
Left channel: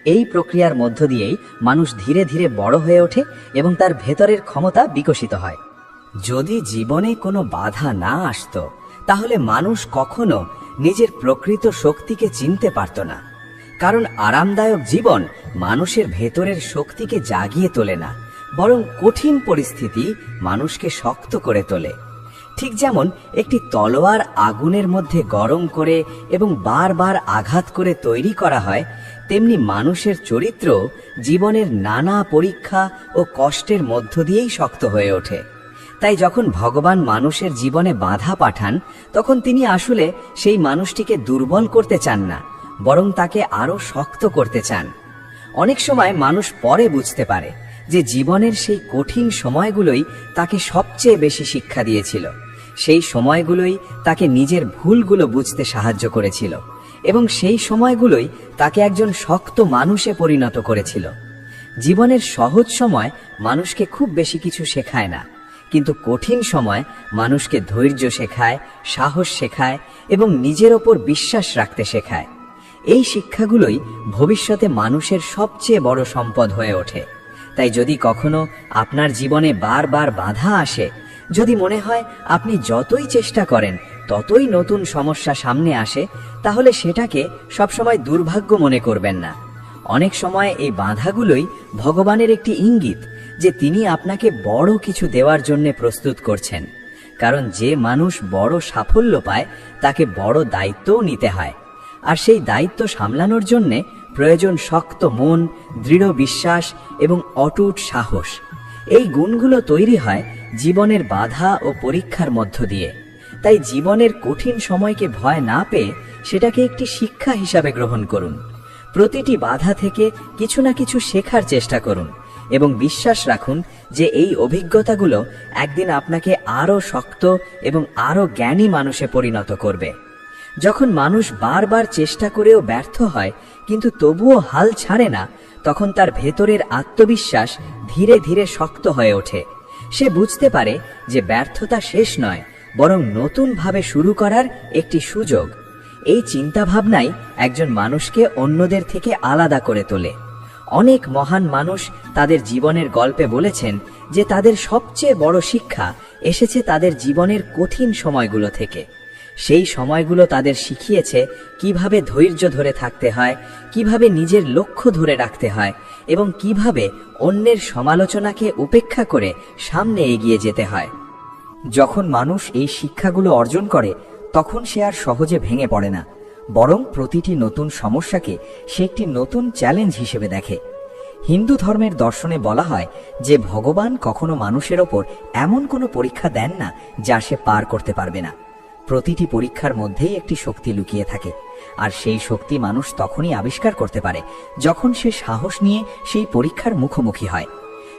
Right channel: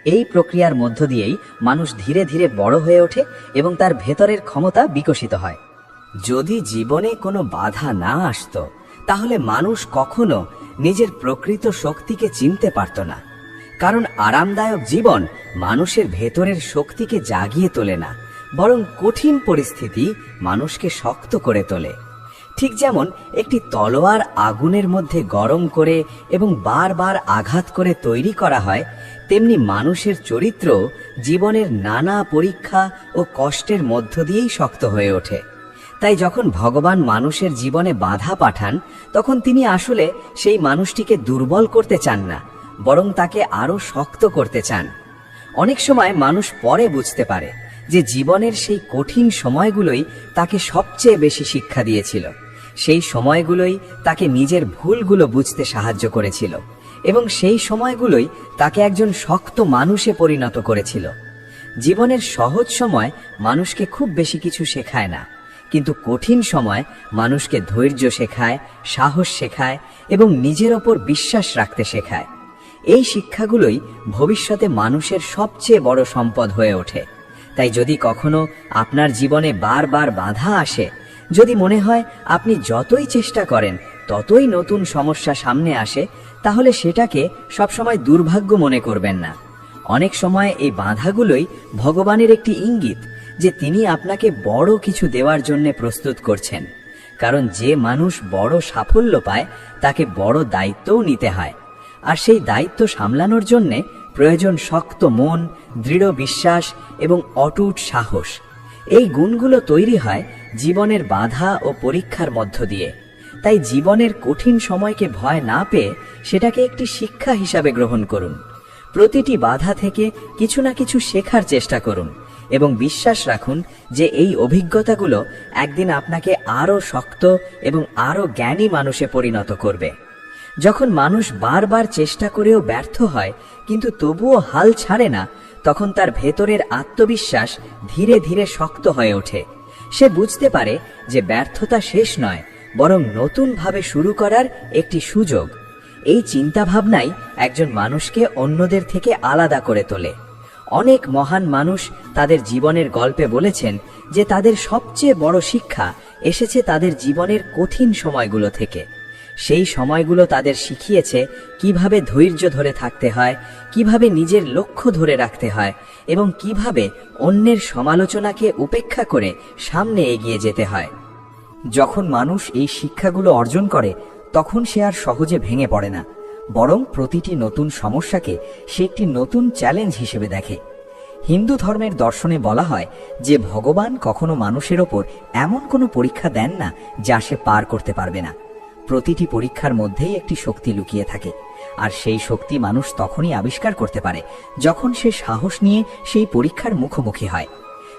এই প্রক্রিয়ার মধ্য দিয়েই মানুষ ধীরে ধীরে বড় হয়ে ওঠে এবং তার ভেতরের ক্ষমতা বিকশিত হয়। যদি জীবনে কোনো বাধা না আসতো তাহলে মানুষ কখনো নিজের প্রকৃত শক্তিকে চিনতে পারত না, কারণ আরামদায়ক জীবন মানুষের ভেতরের শক্তিকে জাগিয়ে তোলে না, বরং কঠিন পরিস্থিতি মানুষকে শক্ত করে তোলে। ঠিক যেমন একটি তলোয়ার আগুনের মধ্যে গরম করে এবং বারবার আঘাত করে তৈরি করা হয়, তেমনি মানুষের চরিত্র জীবনের নানা পরীক্ষা ও কষ্টের মধ্য দিয়েই শক্ত হয়ে ওঠে। তাই যখন ভগবান মানুষের জীবনে বাধা পাঠান তখন তিনি আসলে সেই মানুষটিকে দুর্বল করতে চান না, বরং তাকে আরো শক্ত করতে চান। অনেক সময় মানুষ পরে বুঝতে পারে যে জীবনের সেই কঠিন সময়গুলোই তাকে সবচেয়ে বেশি শিক্ষা দিয়েছিল। সেই সময়গুলোই তাকে নিজের ভুলগুলো বুঝতে সাহায্য করেছিল এবং সেই সময়গুলোই তাকে একজন শক্ত মানুষে পরিণত করেছিল। জীবনের সহজ সময় মানুষকে খুব বেশি কিছু শেখায় না, কিন্তু কঠিন সময় মানুষকে ধৈর্য শেখায়, সাহস শেখায় এবং নিজের ওপর বিশ্বাস রাখতে শেখায়। এই শিক্ষাগুলোই ভবিষ্যতে মানুষের সবচেয়ে বড় সম্পদ হয়ে ওঠে। তাই যদি কখনো আপনার জীবনে বারবার বাধা আসে, যদি মনে হয় আপনি যতই চেষ্টা করেন ততই নতুন সমস্যা সামনে আসে, তাহলে সেটাকে সবসময় দুর্ভাগ্য মনে করবেন না। অনেক সময় এই বাধাগুলোই ভগবানের একটি ইঙ্গিত যে তিনি আপনাকে বড় কিছু দেওয়ার জন্য প্রস্তুত করছেন, কারণ যে মানুষ বড় সাফল্য পায় তাকে বড় দায়িত্বও নিতে হয়, আর সেই দায়িত্ব সামলানোর জন্য প্রয়োজন শক্ত মন, দৃঢ় বিশ্বাস এবং অটুট সাহস। এই গুণগুলো তৈরি হয় জীবনের বাধা ও পরীক্ষার মধ্য দিয়ে। তাই জীবনের কঠিন সময়কে ভয় না পেয়ে সেটাকে একটি শিক্ষা হিসাবে গ্রহণ করুন। প্রতিটি বাধা থেকে কিছু না কিছু শেখার চেষ্টা করুন এবং বিশ্বাস রাখুন যে এই অভিজ্ঞতাগুলো একদিন আপনাকে আরো শক্ত এবং আরো জ্ঞানী মানুষে পরিণত করবে। যখন মানুষ বারবার চেষ্টা করেও ব্যর্থ হয় কিন্তু তবুও হাল ছাড়ে না, তখন তার ভেতরের আত্মবিশ্বাস ধীরে ধীরে শক্ত হয়ে ওঠে। সে বুঝতে পারে যে ব্যর্থতা শেষ নয়, বরং নতুনভাবে শুরু করার একটি সুযোগ। এই চিন্তাভাবনাই একজন মানুষকে অন্যদের থেকে আলাদা করে তোলে। অনেক মহান মানুষ তাদের জীবনের গল্পে বলেছেন যে তাদের সবচেয়ে বড় শিক্ষা এসেছে তাদের জীবনের কঠিন সময়গুলো থেকে। সেই সময়গুলো তাদের শিখিয়েছে কিভাবে ধৈর্য ধরে থাকতে হয়, কিভাবে নিজের লক্ষ্য ধরে রাখতে হয় এবং কিভাবে অন্যের সমালোচনাকে উপেক্ষা করে সামনে এগিয়ে যেতে হয়। যখন মানুষ এই শিক্ষাগুলো অর্জন করে তখন সে আর সহজে ভেঙে পড়ে না, বরং প্রতিটি নতুন সমস্যাকে সে একটি নতুন চ্যালেঞ্জ হিসেবে দেখে। হিন্দু ধর্মের দর্শনে বলা হয় যে ভগবান কখনো মানুষের ওপর এমন কোনো পরীক্ষা দেন না যা সে পার করতে পারবে না। প্রতিটি পরীক্ষার মধ্যেই একটি শক্তি লুকিয়ে থাকে, আর সেই শক্তি মানুষ তখনই আবিষ্কার করতে পারে যখন সে সাহস নিয়ে সেই পরীক্ষার মুখোমুখি হয়।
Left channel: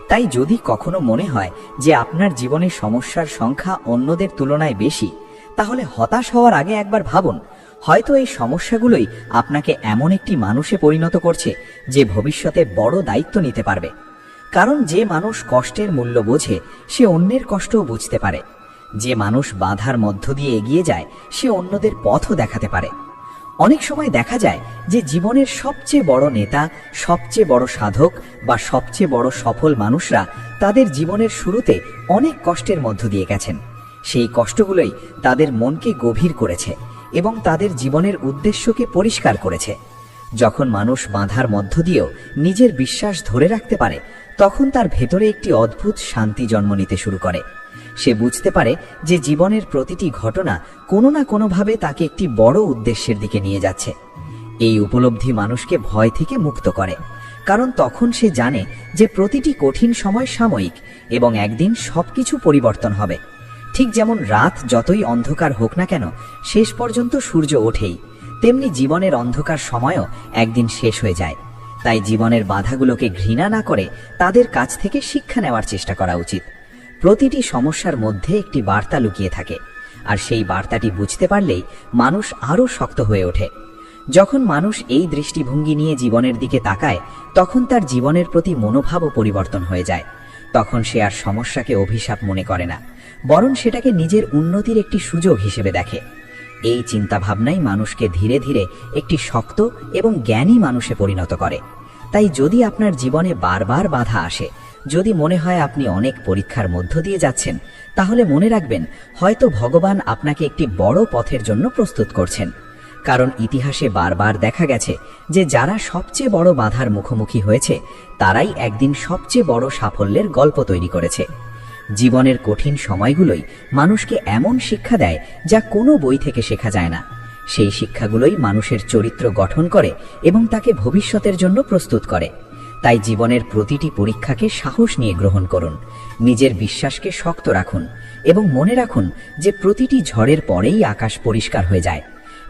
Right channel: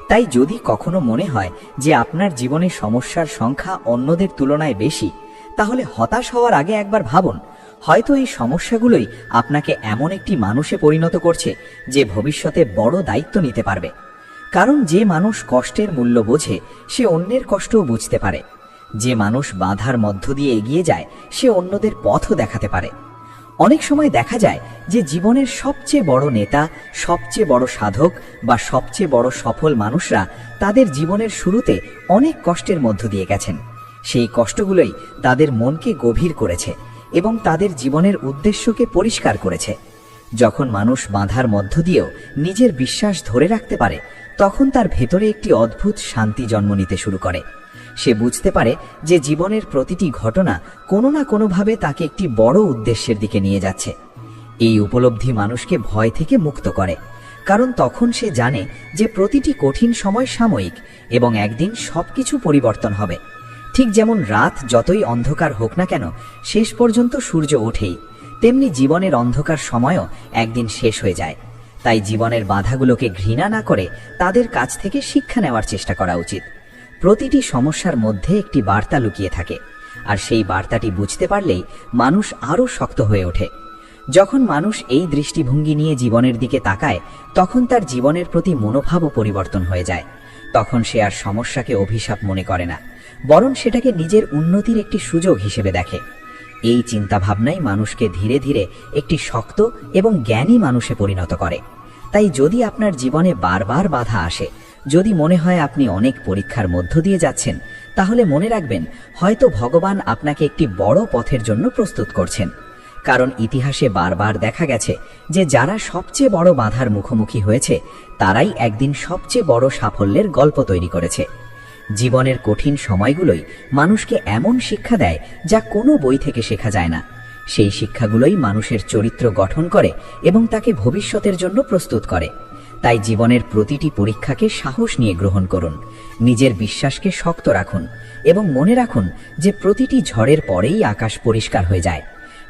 তাই যদি কখনো মনে হয় যে আপনার জীবনে সমস্যার সংখ্যা অন্যদের তুলনায় বেশি, তাহলে হতাশ হওয়ার আগে একবার ভাবুন, হয়তো এই সমস্যাগুলোই আপনাকে এমন একটি মানুষে পরিণত করছে যে ভবিষ্যতে বড় দায়িত্ব নিতে পারবে। কারণ যে মানুষ কষ্টের মূল্য বোঝে সে অন্যের কষ্টও বুঝতে পারে। যে মানুষ বাধার মধ্য দিয়ে এগিয়ে যায় সে অন্যদের পথও দেখাতে পারে। অনেক সময় দেখা যায় যে জীবনের সবচেয়ে বড় নেতা, সবচেয়ে বড় সাধক বা সবচেয়ে বড় সফল মানুষরা তাদের জীবনের শুরুতে অনেক কষ্টের মধ্য দিয়ে গেছেন। সেই কষ্টগুলোই তাদের মনকে গভীর করেছে এবং তাদের জীবনের উদ্দেশ্যকে পরিষ্কার করেছে। যখন মানুষ বাধার মধ্য দিয়েও নিজের বিশ্বাস ধরে রাখতে পারে, তখন তার ভেতরে একটি অদ্ভুত শান্তি জন্ম নিতে শুরু করে। সে বুঝতে পারে যে জীবনের প্রতিটি ঘটনা কোনো না কোনোভাবে তাকে একটি বড় উদ্দেশ্যের দিকে নিয়ে যাচ্ছে। এই উপলব্ধি মানুষকে ভয় থেকে মুক্ত করে, কারণ তখন সে জানে যে প্রতিটি কঠিন সময় সাময়িক এবং একদিন সবকিছু পরিবর্তন হবে। ঠিক যেমন রাত যতই অন্ধকার হোক না কেন শেষ পর্যন্ত সূর্য ওঠেই, তেমনি জীবনের অন্ধকার সময়ও একদিন শেষ হয়ে যায়। তাই জীবনের বাধাগুলোকে ঘৃণা না করে তাদের কাছ থেকে শিক্ষা নেওয়ার চেষ্টা করা উচিত। প্রতিটি সমস্যার মধ্যে একটি বার্তা লুকিয়ে থাকে, আর সেই বার্তাটি বুঝতে পারলেই মানুষ আরো শক্ত হয়ে ওঠে। যখন মানুষ এই দৃষ্টিভঙ্গি নিয়ে জীবনের দিকে তাকায়, তখন তার জীবনের প্রতি মনোভাবও পরিবর্তন হয়ে যায়। তখন সে আর সমস্যাকে অভিশাপ মনে করে না, বরং সেটাকে নিজের উন্নতির একটি সুযোগ হিসেবে দেখে। এই চিন্তাভাবনাই মানুষকে ধীরে ধীরে একটি শক্ত এবং জ্ঞানী মানুষে পরিণত করে। তাই যদি আপনার জীবনে বারবার বাধা আসে, যদি মনে হয় আপনি অনেক পরীক্ষার মধ্য দিয়ে যাচ্ছেন, তাহলে মনে রাখবেন হয়তো ভগবান আপনাকে একটি বড় পথের জন্য প্রস্তুত করছেন। কারণ ইতিহাসে বারবার দেখা গেছে যে যারা সবচেয়ে বড় বাধার মুখোমুখি হয়েছে তারাই একদিন সবচেয়ে বড় সাফল্যের গল্প তৈরি করেছে। জীবনের কঠিন সময়গুলোই মানুষকে এমন শিক্ষা দেয় যা কোনো বই থেকে শেখা যায় না। সেই শিক্ষাগুলোই মানুষের চরিত্র গঠন করে এবং তাকে ভবিষ্যতের জন্য প্রস্তুত করে। তাই জীবনের প্রতিটি পরীক্ষাকে সাহস নিয়ে গ্রহণ করুন, নিজের বিশ্বাসকে শক্ত রাখুন এবং মনে রাখুন যে প্রতিটি ঝড়ের পরেই আকাশ পরিষ্কার হয়ে যায়।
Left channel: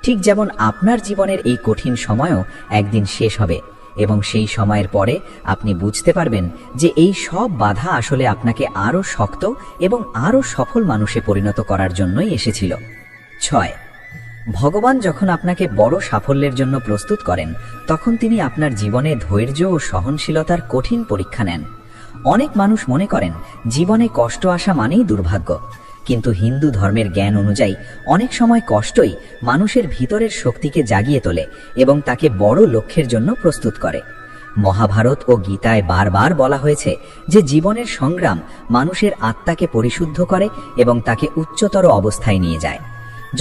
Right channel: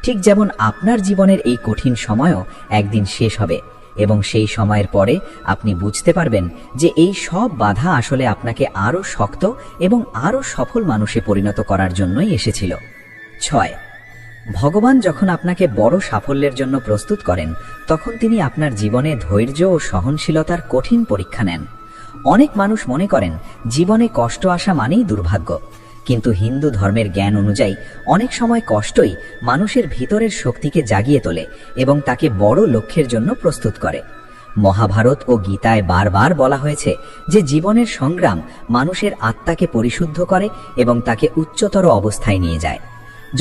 ঠিক যেমন আপনার জীবনের এই কঠিন সময়ও একদিন শেষ হবে এবং সেই সময়ের পরে আপনি বুঝতে পারবেন যে এই সব বাধা আসলে আপনাকে আরো শক্ত এবং আরো সফল মানুষে পরিণত করার জন্যই এসেছিল। 6. ভগবান যখন আপনাকে বড় সাফল্যের জন্য প্রস্তুত করেন, তখন তিনি আপনার জীবনে ধৈর্য ও সহনশীলতার কঠিন পরীক্ষা নেন। অনেক মানুষ মনে করেন জীবনে কষ্ট আসা মানেই দুর্ভাগ্য, কিন্তু হিন্দু ধর্মের জ্ঞান অনুযায়ী অনেক সময় কষ্টই মানুষের ভিতরের শক্তিকে জাগিয়ে তোলে এবং তাকে বড় লক্ষ্যের জন্য প্রস্তুত করে। মহাভারত ও গীতায় বারবার বলা হয়েছে যে জীবনের সংগ্রাম মানুষের আত্মাকে পরিশুদ্ধ করে এবং তাকে উচ্চতর অবস্থায় নিয়ে যায়।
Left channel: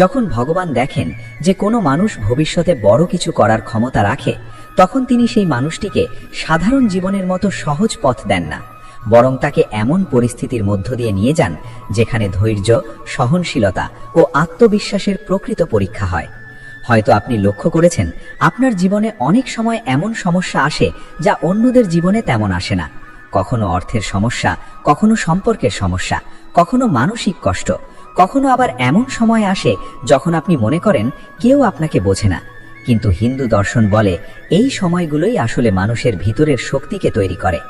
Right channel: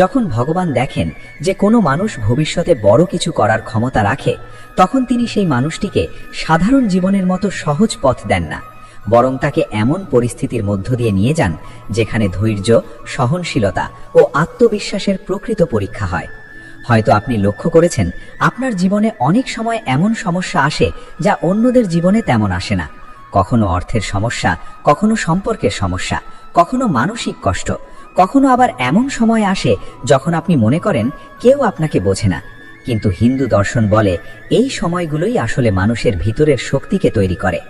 যখন ভগবান দেখেন যে কোনো মানুষ ভবিষ্যতে বড় কিছু করার ক্ষমতা রাখে, তখন তিনি সেই মানুষটিকে সাধারণ জীবনের মতো সহজ পথ দেন না, বরং তাকে এমন পরিস্থিতির মধ্য দিয়ে নিয়ে যান যেখানে ধৈর্য, সহনশীলতা ও আত্মবিশ্বাসের প্রকৃত পরীক্ষা হয়। হয়তো আপনি লক্ষ্য করেছেন আপনার জীবনে অনেক সময় এমন সমস্যা আসে যা অন্যদের জীবনে তেমন আসে না। কখনো অর্থের সমস্যা, কখনো সম্পর্কের সমস্যা, কখনো মানসিক কষ্ট, কখনো আবার এমন সময় আসে যখন আপনি মনে করেন কেউ আপনাকে বোঝে না। কিন্তু হিন্দু দর্শন বলে এই সময়গুলোই আসলে মানুষের ভিতরের শক্তিকে তৈরি করে।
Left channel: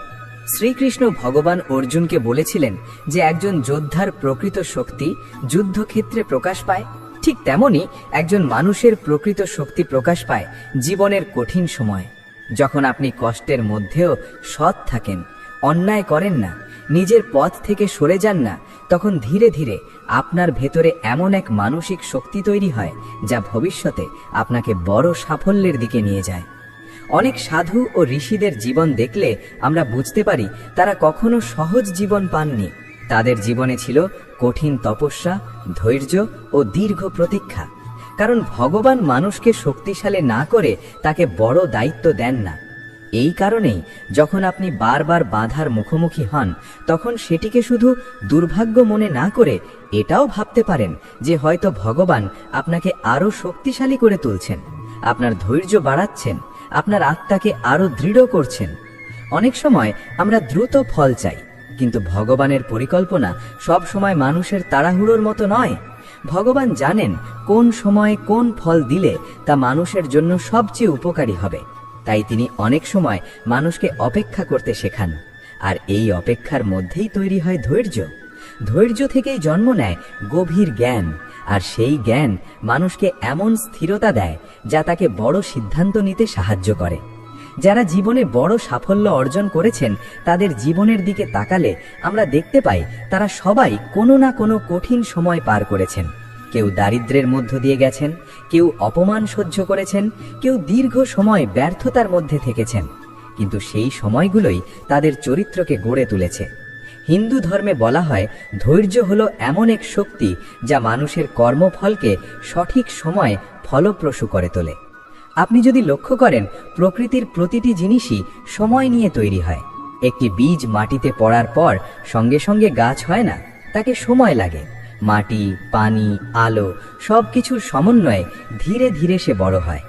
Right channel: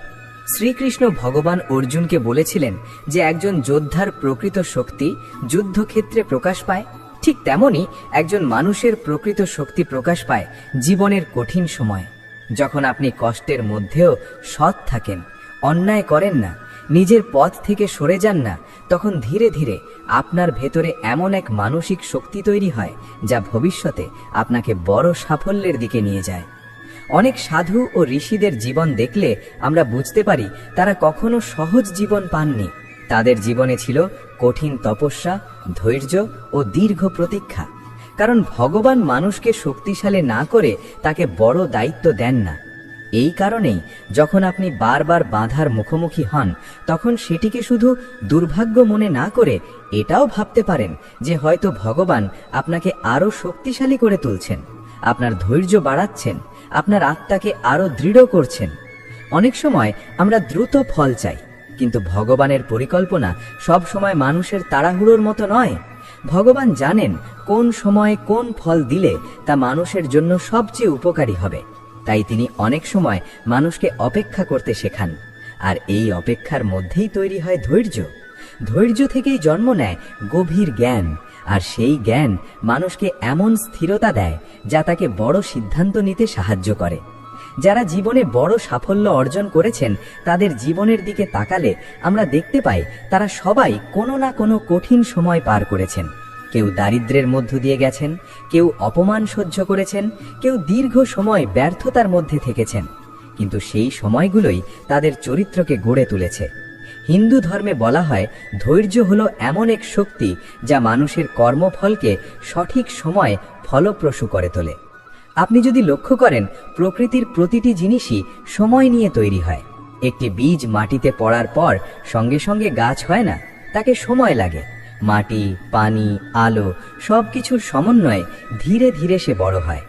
শ্রীকৃষ্ণ ভগবান অর্জুনকে বলেছিলেন যে একজন যোদ্ধার প্রকৃত শক্তি যুদ্ধক্ষেত্রে প্রকাশ পায়, ঠিক তেমনি একজন মানুষের প্রকৃত শক্তি প্রকাশ পায় জীবনের কঠিন সময়। যখন আপনি কষ্টের মধ্যেও সৎ থাকেন, অন্যায় করেন না, নিজের পথ থেকে সরে যান না, তখন ধীরে ধীরে আপনার ভেতরে এমন এক মানসিক শক্তি তৈরি হয় যা ভবিষ্যতে আপনাকে বড় সাফল্যের দিকে নিয়ে যায়। অনেক সাধু ও ঋষিদের জীবন দেখলে আমরা বুঝতে পারি তারা কখনো সহজ জীবন পাননি। তাদের জীবনে ছিল কঠিন তপস্যা, ধৈর্য ও দীর্ঘ প্রতীক্ষা। কারণ ভগবান মানুষকে শক্তিশালী না করে তাকে বড় দায়িত্ব দেন না। এই কারণেই যখন আপনি বারবার বাধার মুখোমুখি হন, তখন সেটিকে শুধু দুর্ভাগ্য মনে না করে এটাও ভাবতে পারেন যে হয়তো ভগবান আপনাকে আরো শক্তিশালী করে তুলছেন, আপনার ধৈর্য বাড়াচ্ছেন, আপনার আত্মাকে আরো দৃঢ় করছেন। অনেক সময় আমরা দ্রুত ফল চাই, কিন্তু ভগবানের পরিকল্পনা সব সময় মানুষের তাড়াহুড়োর মতো নয়। ভগবান জানেন কোন সময়ে কোন ফল দিলে তা মানুষের জন্য সবচেয়ে উপকারী হবে, তাই তিনি অনেক সময় মানুষকে অপেক্ষা করতে শেখান। আর এই অপেক্ষার মধ্যেই তৈরি হয় ধৈর্য। ধৈর্য থেকেই জন্ম নেয় গভীর জ্ঞান, আর সেই জ্ঞান মানুষকে এমন স্থিরতা দেয় যা তাকে বড় সিদ্ধান্ত নিতে সাহায্য করে। যারা জীবনে বড় সাফল্য অর্জন করেছেন তাদের জীবনের দিকে তাকালে আমরা দেখতে পাই তারা সবাই কোনো না কোনো কঠিন সময় পার করেছেন। কেউ দারিদ্র্যের মধ্য দিয়ে গেছেন, কেউ অপমান সহ্য করেছেন, কেউ দীর্ঘ সময় ব্যর্থতার মধ্যে থেকেছেন, কিন্তু সেই সময়গুলোই তাদের চরিত্রকে গড়ে তুলেছে। হিন্দু ধর্মে বলা হয় ধৈর্য হলো এমন এক শক্তি যা মানুষের কর্মফলকে সঠিক সময় ফলপ্রসূ করে তোলে। আপনি যদি লক্ষ্য করেন, প্রকৃতির প্রতিটি জিনিসই সময় নিয়ে তৈরি হয়। একটি বীজ মাটিতে পড়ার পর সঙ্গে সঙ্গে গাছ হয় না, তাকে সময় লাগে। মাটি, পানি, আলো সবকিছুর সমন্বয়ে ধীরে ধীরে সে বড় হয়।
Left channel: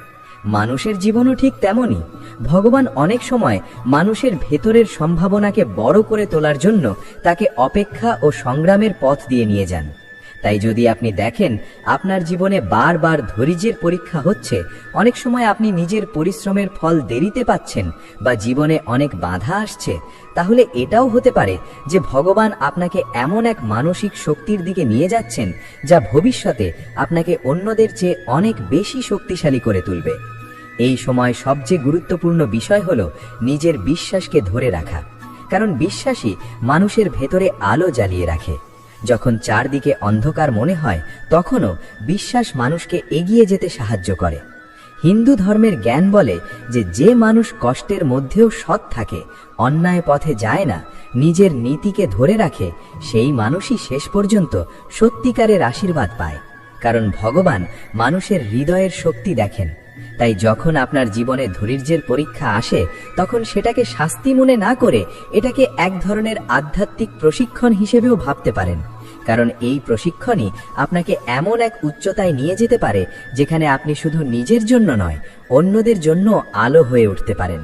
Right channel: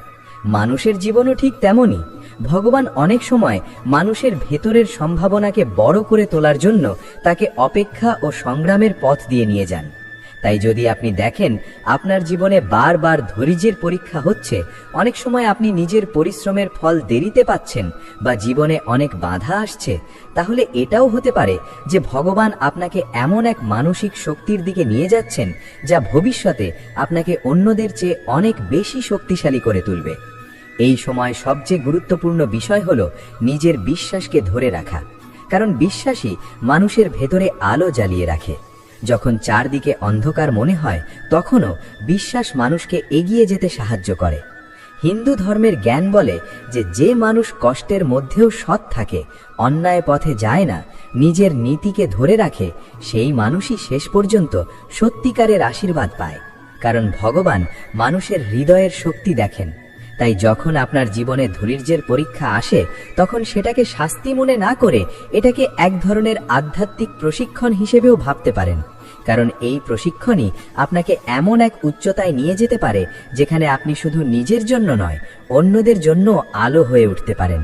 মানুষের জীবনও ঠিক তেমনই। ভগবান অনেক সময় মানুষের ভেতরের সম্ভাবনাকে বড় করে তোলার জন্য তাকে অপেক্ষা ও সংগ্রামের পথ দিয়ে নিয়ে যান। তাই যদি আপনি দেখেন আপনার জীবনে বারবার ধৈর্যের পরীক্ষা হচ্ছে, অনেক সময় আপনি নিজের পরিশ্রমের ফল দেরিতে পাচ্ছেন বা জীবনে অনেক বাধা আসছে, তাহলে এটাও হতে পারে যে ভগবান আপনাকে এমন এক মানসিক শক্তির দিকে নিয়ে যাচ্ছেন যা ভবিষ্যতে আপনাকে অন্যদের চেয়ে অনেক বেশি শক্তিশালী করে তুলবে। এই সময় সবচেয়ে গুরুত্বপূর্ণ বিষয় হলো নিজের বিশ্বাসকে ধরে রাখা, কারণ বিশ্বাসই মানুষের ভেতরে আলো জ্বালিয়ে রাখে। যখন চারদিকে অন্ধকার মনে হয় তখনও বিশ্বাস মানুষকে এগিয়ে যেতে সাহায্য করে। হিন্দু ধর্মের জ্ঞান বলে যে মানুষ কষ্টের মধ্যেও সৎ থাকে, অন্যায় পথে যায় না, নিজের নীতিকে ধরে রাখে, সেই মানুষই শেষ পর্যন্ত সত্যিকারের আশীর্বাদ পায়। কারণ ভগবান মানুষের হৃদয়ের শক্তি দেখেন। তাই যখন আপনার জীবনে ধৈর্যের পরীক্ষা আসে তখন সেটাকে শাস্তি মনে না করে এটাকে এক ধরনের আধ্যাত্মিক প্রশিক্ষণ হিসেবেও ভাবতে পারেন। কারণ এই প্রশিক্ষণই আপনাকে এমন এক উচ্চতায় নিয়ে যেতে পারে যেখানে আপনি শুধু নিজের জন্য নয়, অন্যদের জন্য আলো হয়ে উঠতে পারেন।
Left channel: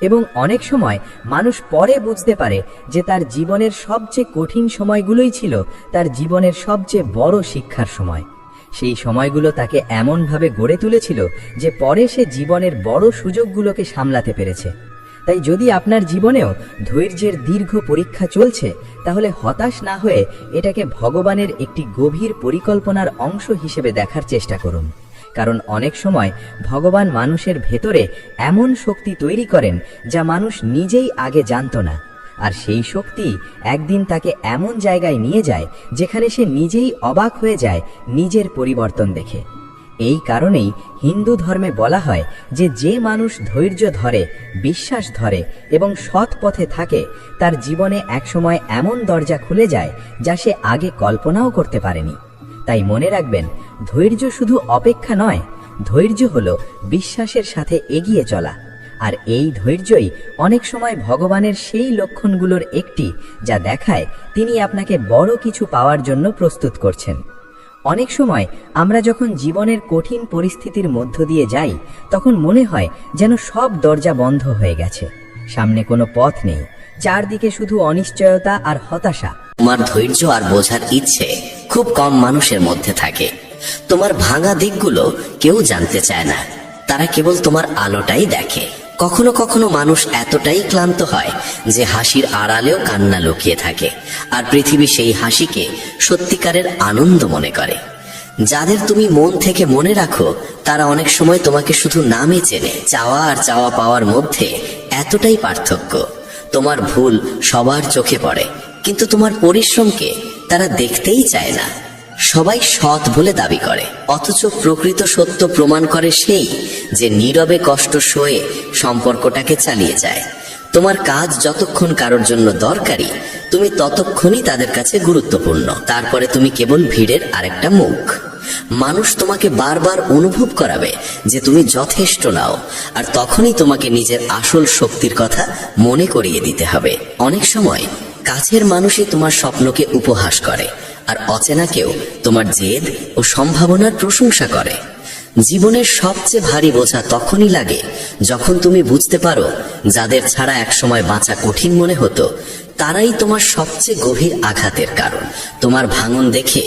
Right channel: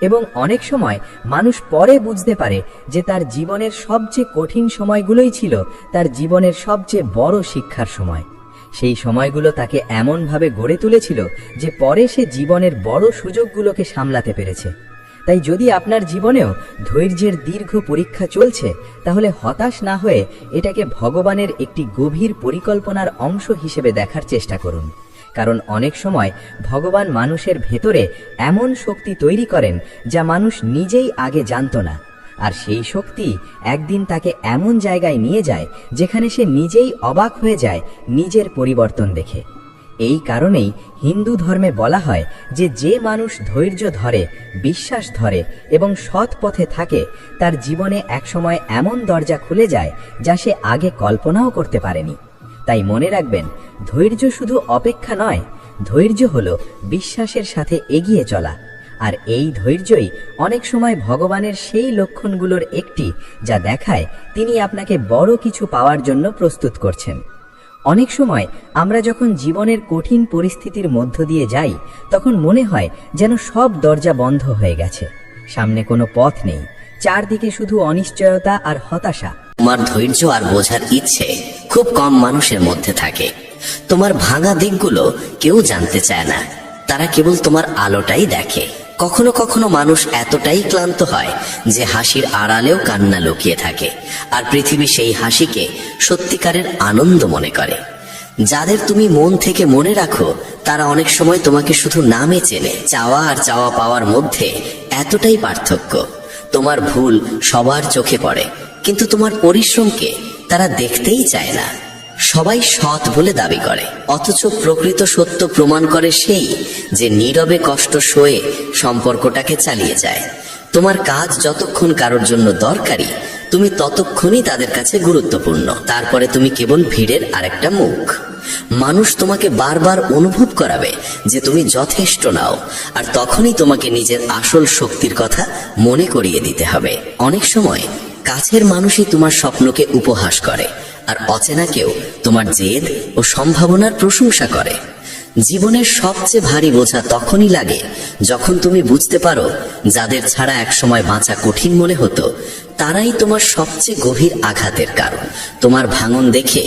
এবং অনেক সময় মানুষ পরে বুঝতে পারে যে তার জীবনের সবচেয়ে কঠিন সময়গুলোই ছিল তার জীবনের সবচেয়ে বড় শিক্ষার সময়। সেই সময়গুলো তাকে এমনভাবে গড়ে তুলেছিল যে পরে সে জীবনের বড় সুযোগগুলোকে সামলাতে পেরেছে। তাই যদি আপনার জীবনেও ধৈর্যের দীর্ঘ পরীক্ষা চলছে, তাহলে হতাশ না হয়ে এটাকে ভগবানের একটি গভীর পরিকল্পনার অংশ হিসেবে দেখার চেষ্টা করুন। কারণ অনেক সময় ভগবান মানুষের ভেতরে এমন শক্তি তৈরি করেন যা মানুষ নিজেই আগে জানত না, আর সেই শক্তি একদিন তাকে এমন জায়গায় নিয়ে যায় যেখানে সে নিজেই অবাক হয়ে যায় নিজের পরিবর্তন দেখে। এই কারণেই হিন্দু ধর্মে বলা হয় যে মানুষ ধৈর্য ধরে, বিশ্বাস ধরে এবং সৎ পথে থাকে, তার জীবনে একসময় এমন দরজা খুলে যায় যা সে আগে কল্পনাও করতে পারেনি। তাই মনে রাখবেন, ধৈর্য শুধু অপেক্ষা নয়, ধৈর্য হলো বিশ্বাসের সাথে এগিয়ে চলা। আর এই ধৈর্যই অনেক সময় ভগবানের সেই লক্ষণগুলোর একটি যা দেখায় তিনি আপনাকে বড় কিছু পাওয়ার জন্য প্রস্তুত করছেন। অনেক সময় আমরা যখন জীবনের কঠিন পরিস্থিতির মধ্য দিয়ে যাই তখন মনে হয় যেন সব দরজা বন্ধ হয়ে গেছে, সামনে কোনো পথ নেই, চারদিকে শুধু অনিশ্চয়তা আর হতাশা। তোমার ধৈর্য আর বোঝার ইচ্ছে খুব কম মানুষের মধ্যে থাকে। তোমার ভাঙা দিকগুলো কেউ জানতে চায় না, তারা কেবল তোমার আলোটাই দেখে। কখনো কখনো মানুষ এতটাই ক্লান্ত হয় যে হাসির আড়ালেও কান্না লুকিয়ে থাকে, আর পৃথিবী সেই হাসিকে সত্যিকারের আনন্দ মনে করে। যাদের তুমি মন থেকে মনে রাখো তারা অনেক সময় তোমাকে শুধু নামে চেনে। চাওয়া আর চাওয়া পাওয়ার মধ্যে এতটাই পার্থক্য। তোমার ভুল সবার চোখে পড়ে, কিন্তু তোমার পরিশ্রমকে তারা দেখতেই চায় না। সবাই সৎ বলে দাবি করে, অথচ প্রকৃত সত্য প্রমাণ করে সেই যে নীরবে কষ্ট সয়ে সম্পর্কটাকে চালিয়ে যায়। তোমার কাজ যতক্ষণ কারোর জন্য দরকারি, তুমি ততক্ষণই তাদের কাছে গুরুত্বপূর্ণ। তারপরে তুমি কেবল ভিড়ের আরেকটা মুখ। মানুষ তোমাকে বারবার অনুভব করাবে যে তুমি যথেষ্ট নাও, আর তখনই তোমাকে নিজের আসল শক্তির কথা মনে করিয়ে দিতে হবে। অনেক সময় কাছের মানুষই তোমার স্বপ্নকে উপহাস করে, আর অচেনা কেউ তোমার জেদ ও সম্ভাবনার প্রশংসা করে। জীবনের সবচেয়ে ভারী বোঝা তখনই লাগে যখন তুমি বুঝতে পারো যাদের ছাড়া একসময় বাঁচা কঠিন মনে হতো তারাই তোমার সবচেয়ে গভীর আঘাতের কারণ। তোমার ভাঙন দেখে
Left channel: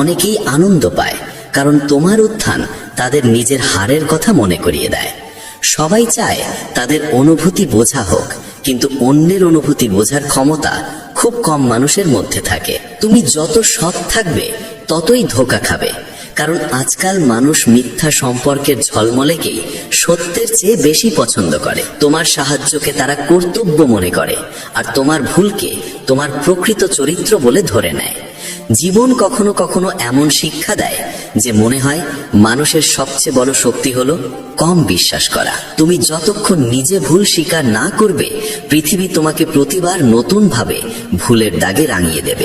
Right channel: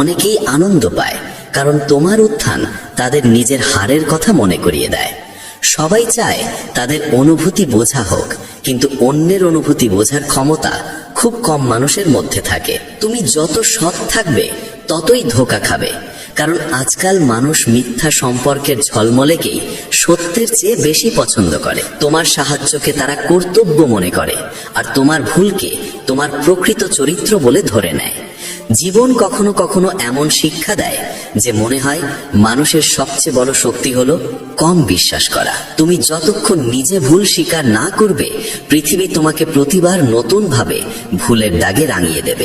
অনেকেই আনন্দ পায়, কারণ তোমার উত্থান তাদের নিজের হারের কথা মনে করিয়ে দেয়। সবাই চায় তাদের অনুভূতি বোঝা হোক, কিন্তু অন্যের অনুভূতি বোঝার ক্ষমতা খুব কম মানুষের মধ্যে থাকে। তুমি যত সৎ থাকবে ততই ধোঁকা খাবে, কারণ আজকাল মানুষ মিথ্যা সম্পর্কের ঝলমলেকেই সত্যের চেয়ে বেশি পছন্দ করে। তোমার সাহায্যকে তারা কর্তব্য মনে করে, আর তোমার ভুলকে তোমার প্রকৃত চরিত্র বলে ধরে নেয়। জীবন কখনো কখনো এমন শিক্ষা দেয় যে মনে হয় মানুষের সবচেয়ে বড় শক্তি হলো কম বিশ্বাস করা। তুমি যতক্ষণ নিজে ভুল স্বীকার না করবে, পৃথিবী তোমাকে প্রতিবার নতুন ভাবে ভুলের দাগে রাঙিয়ে দেবে।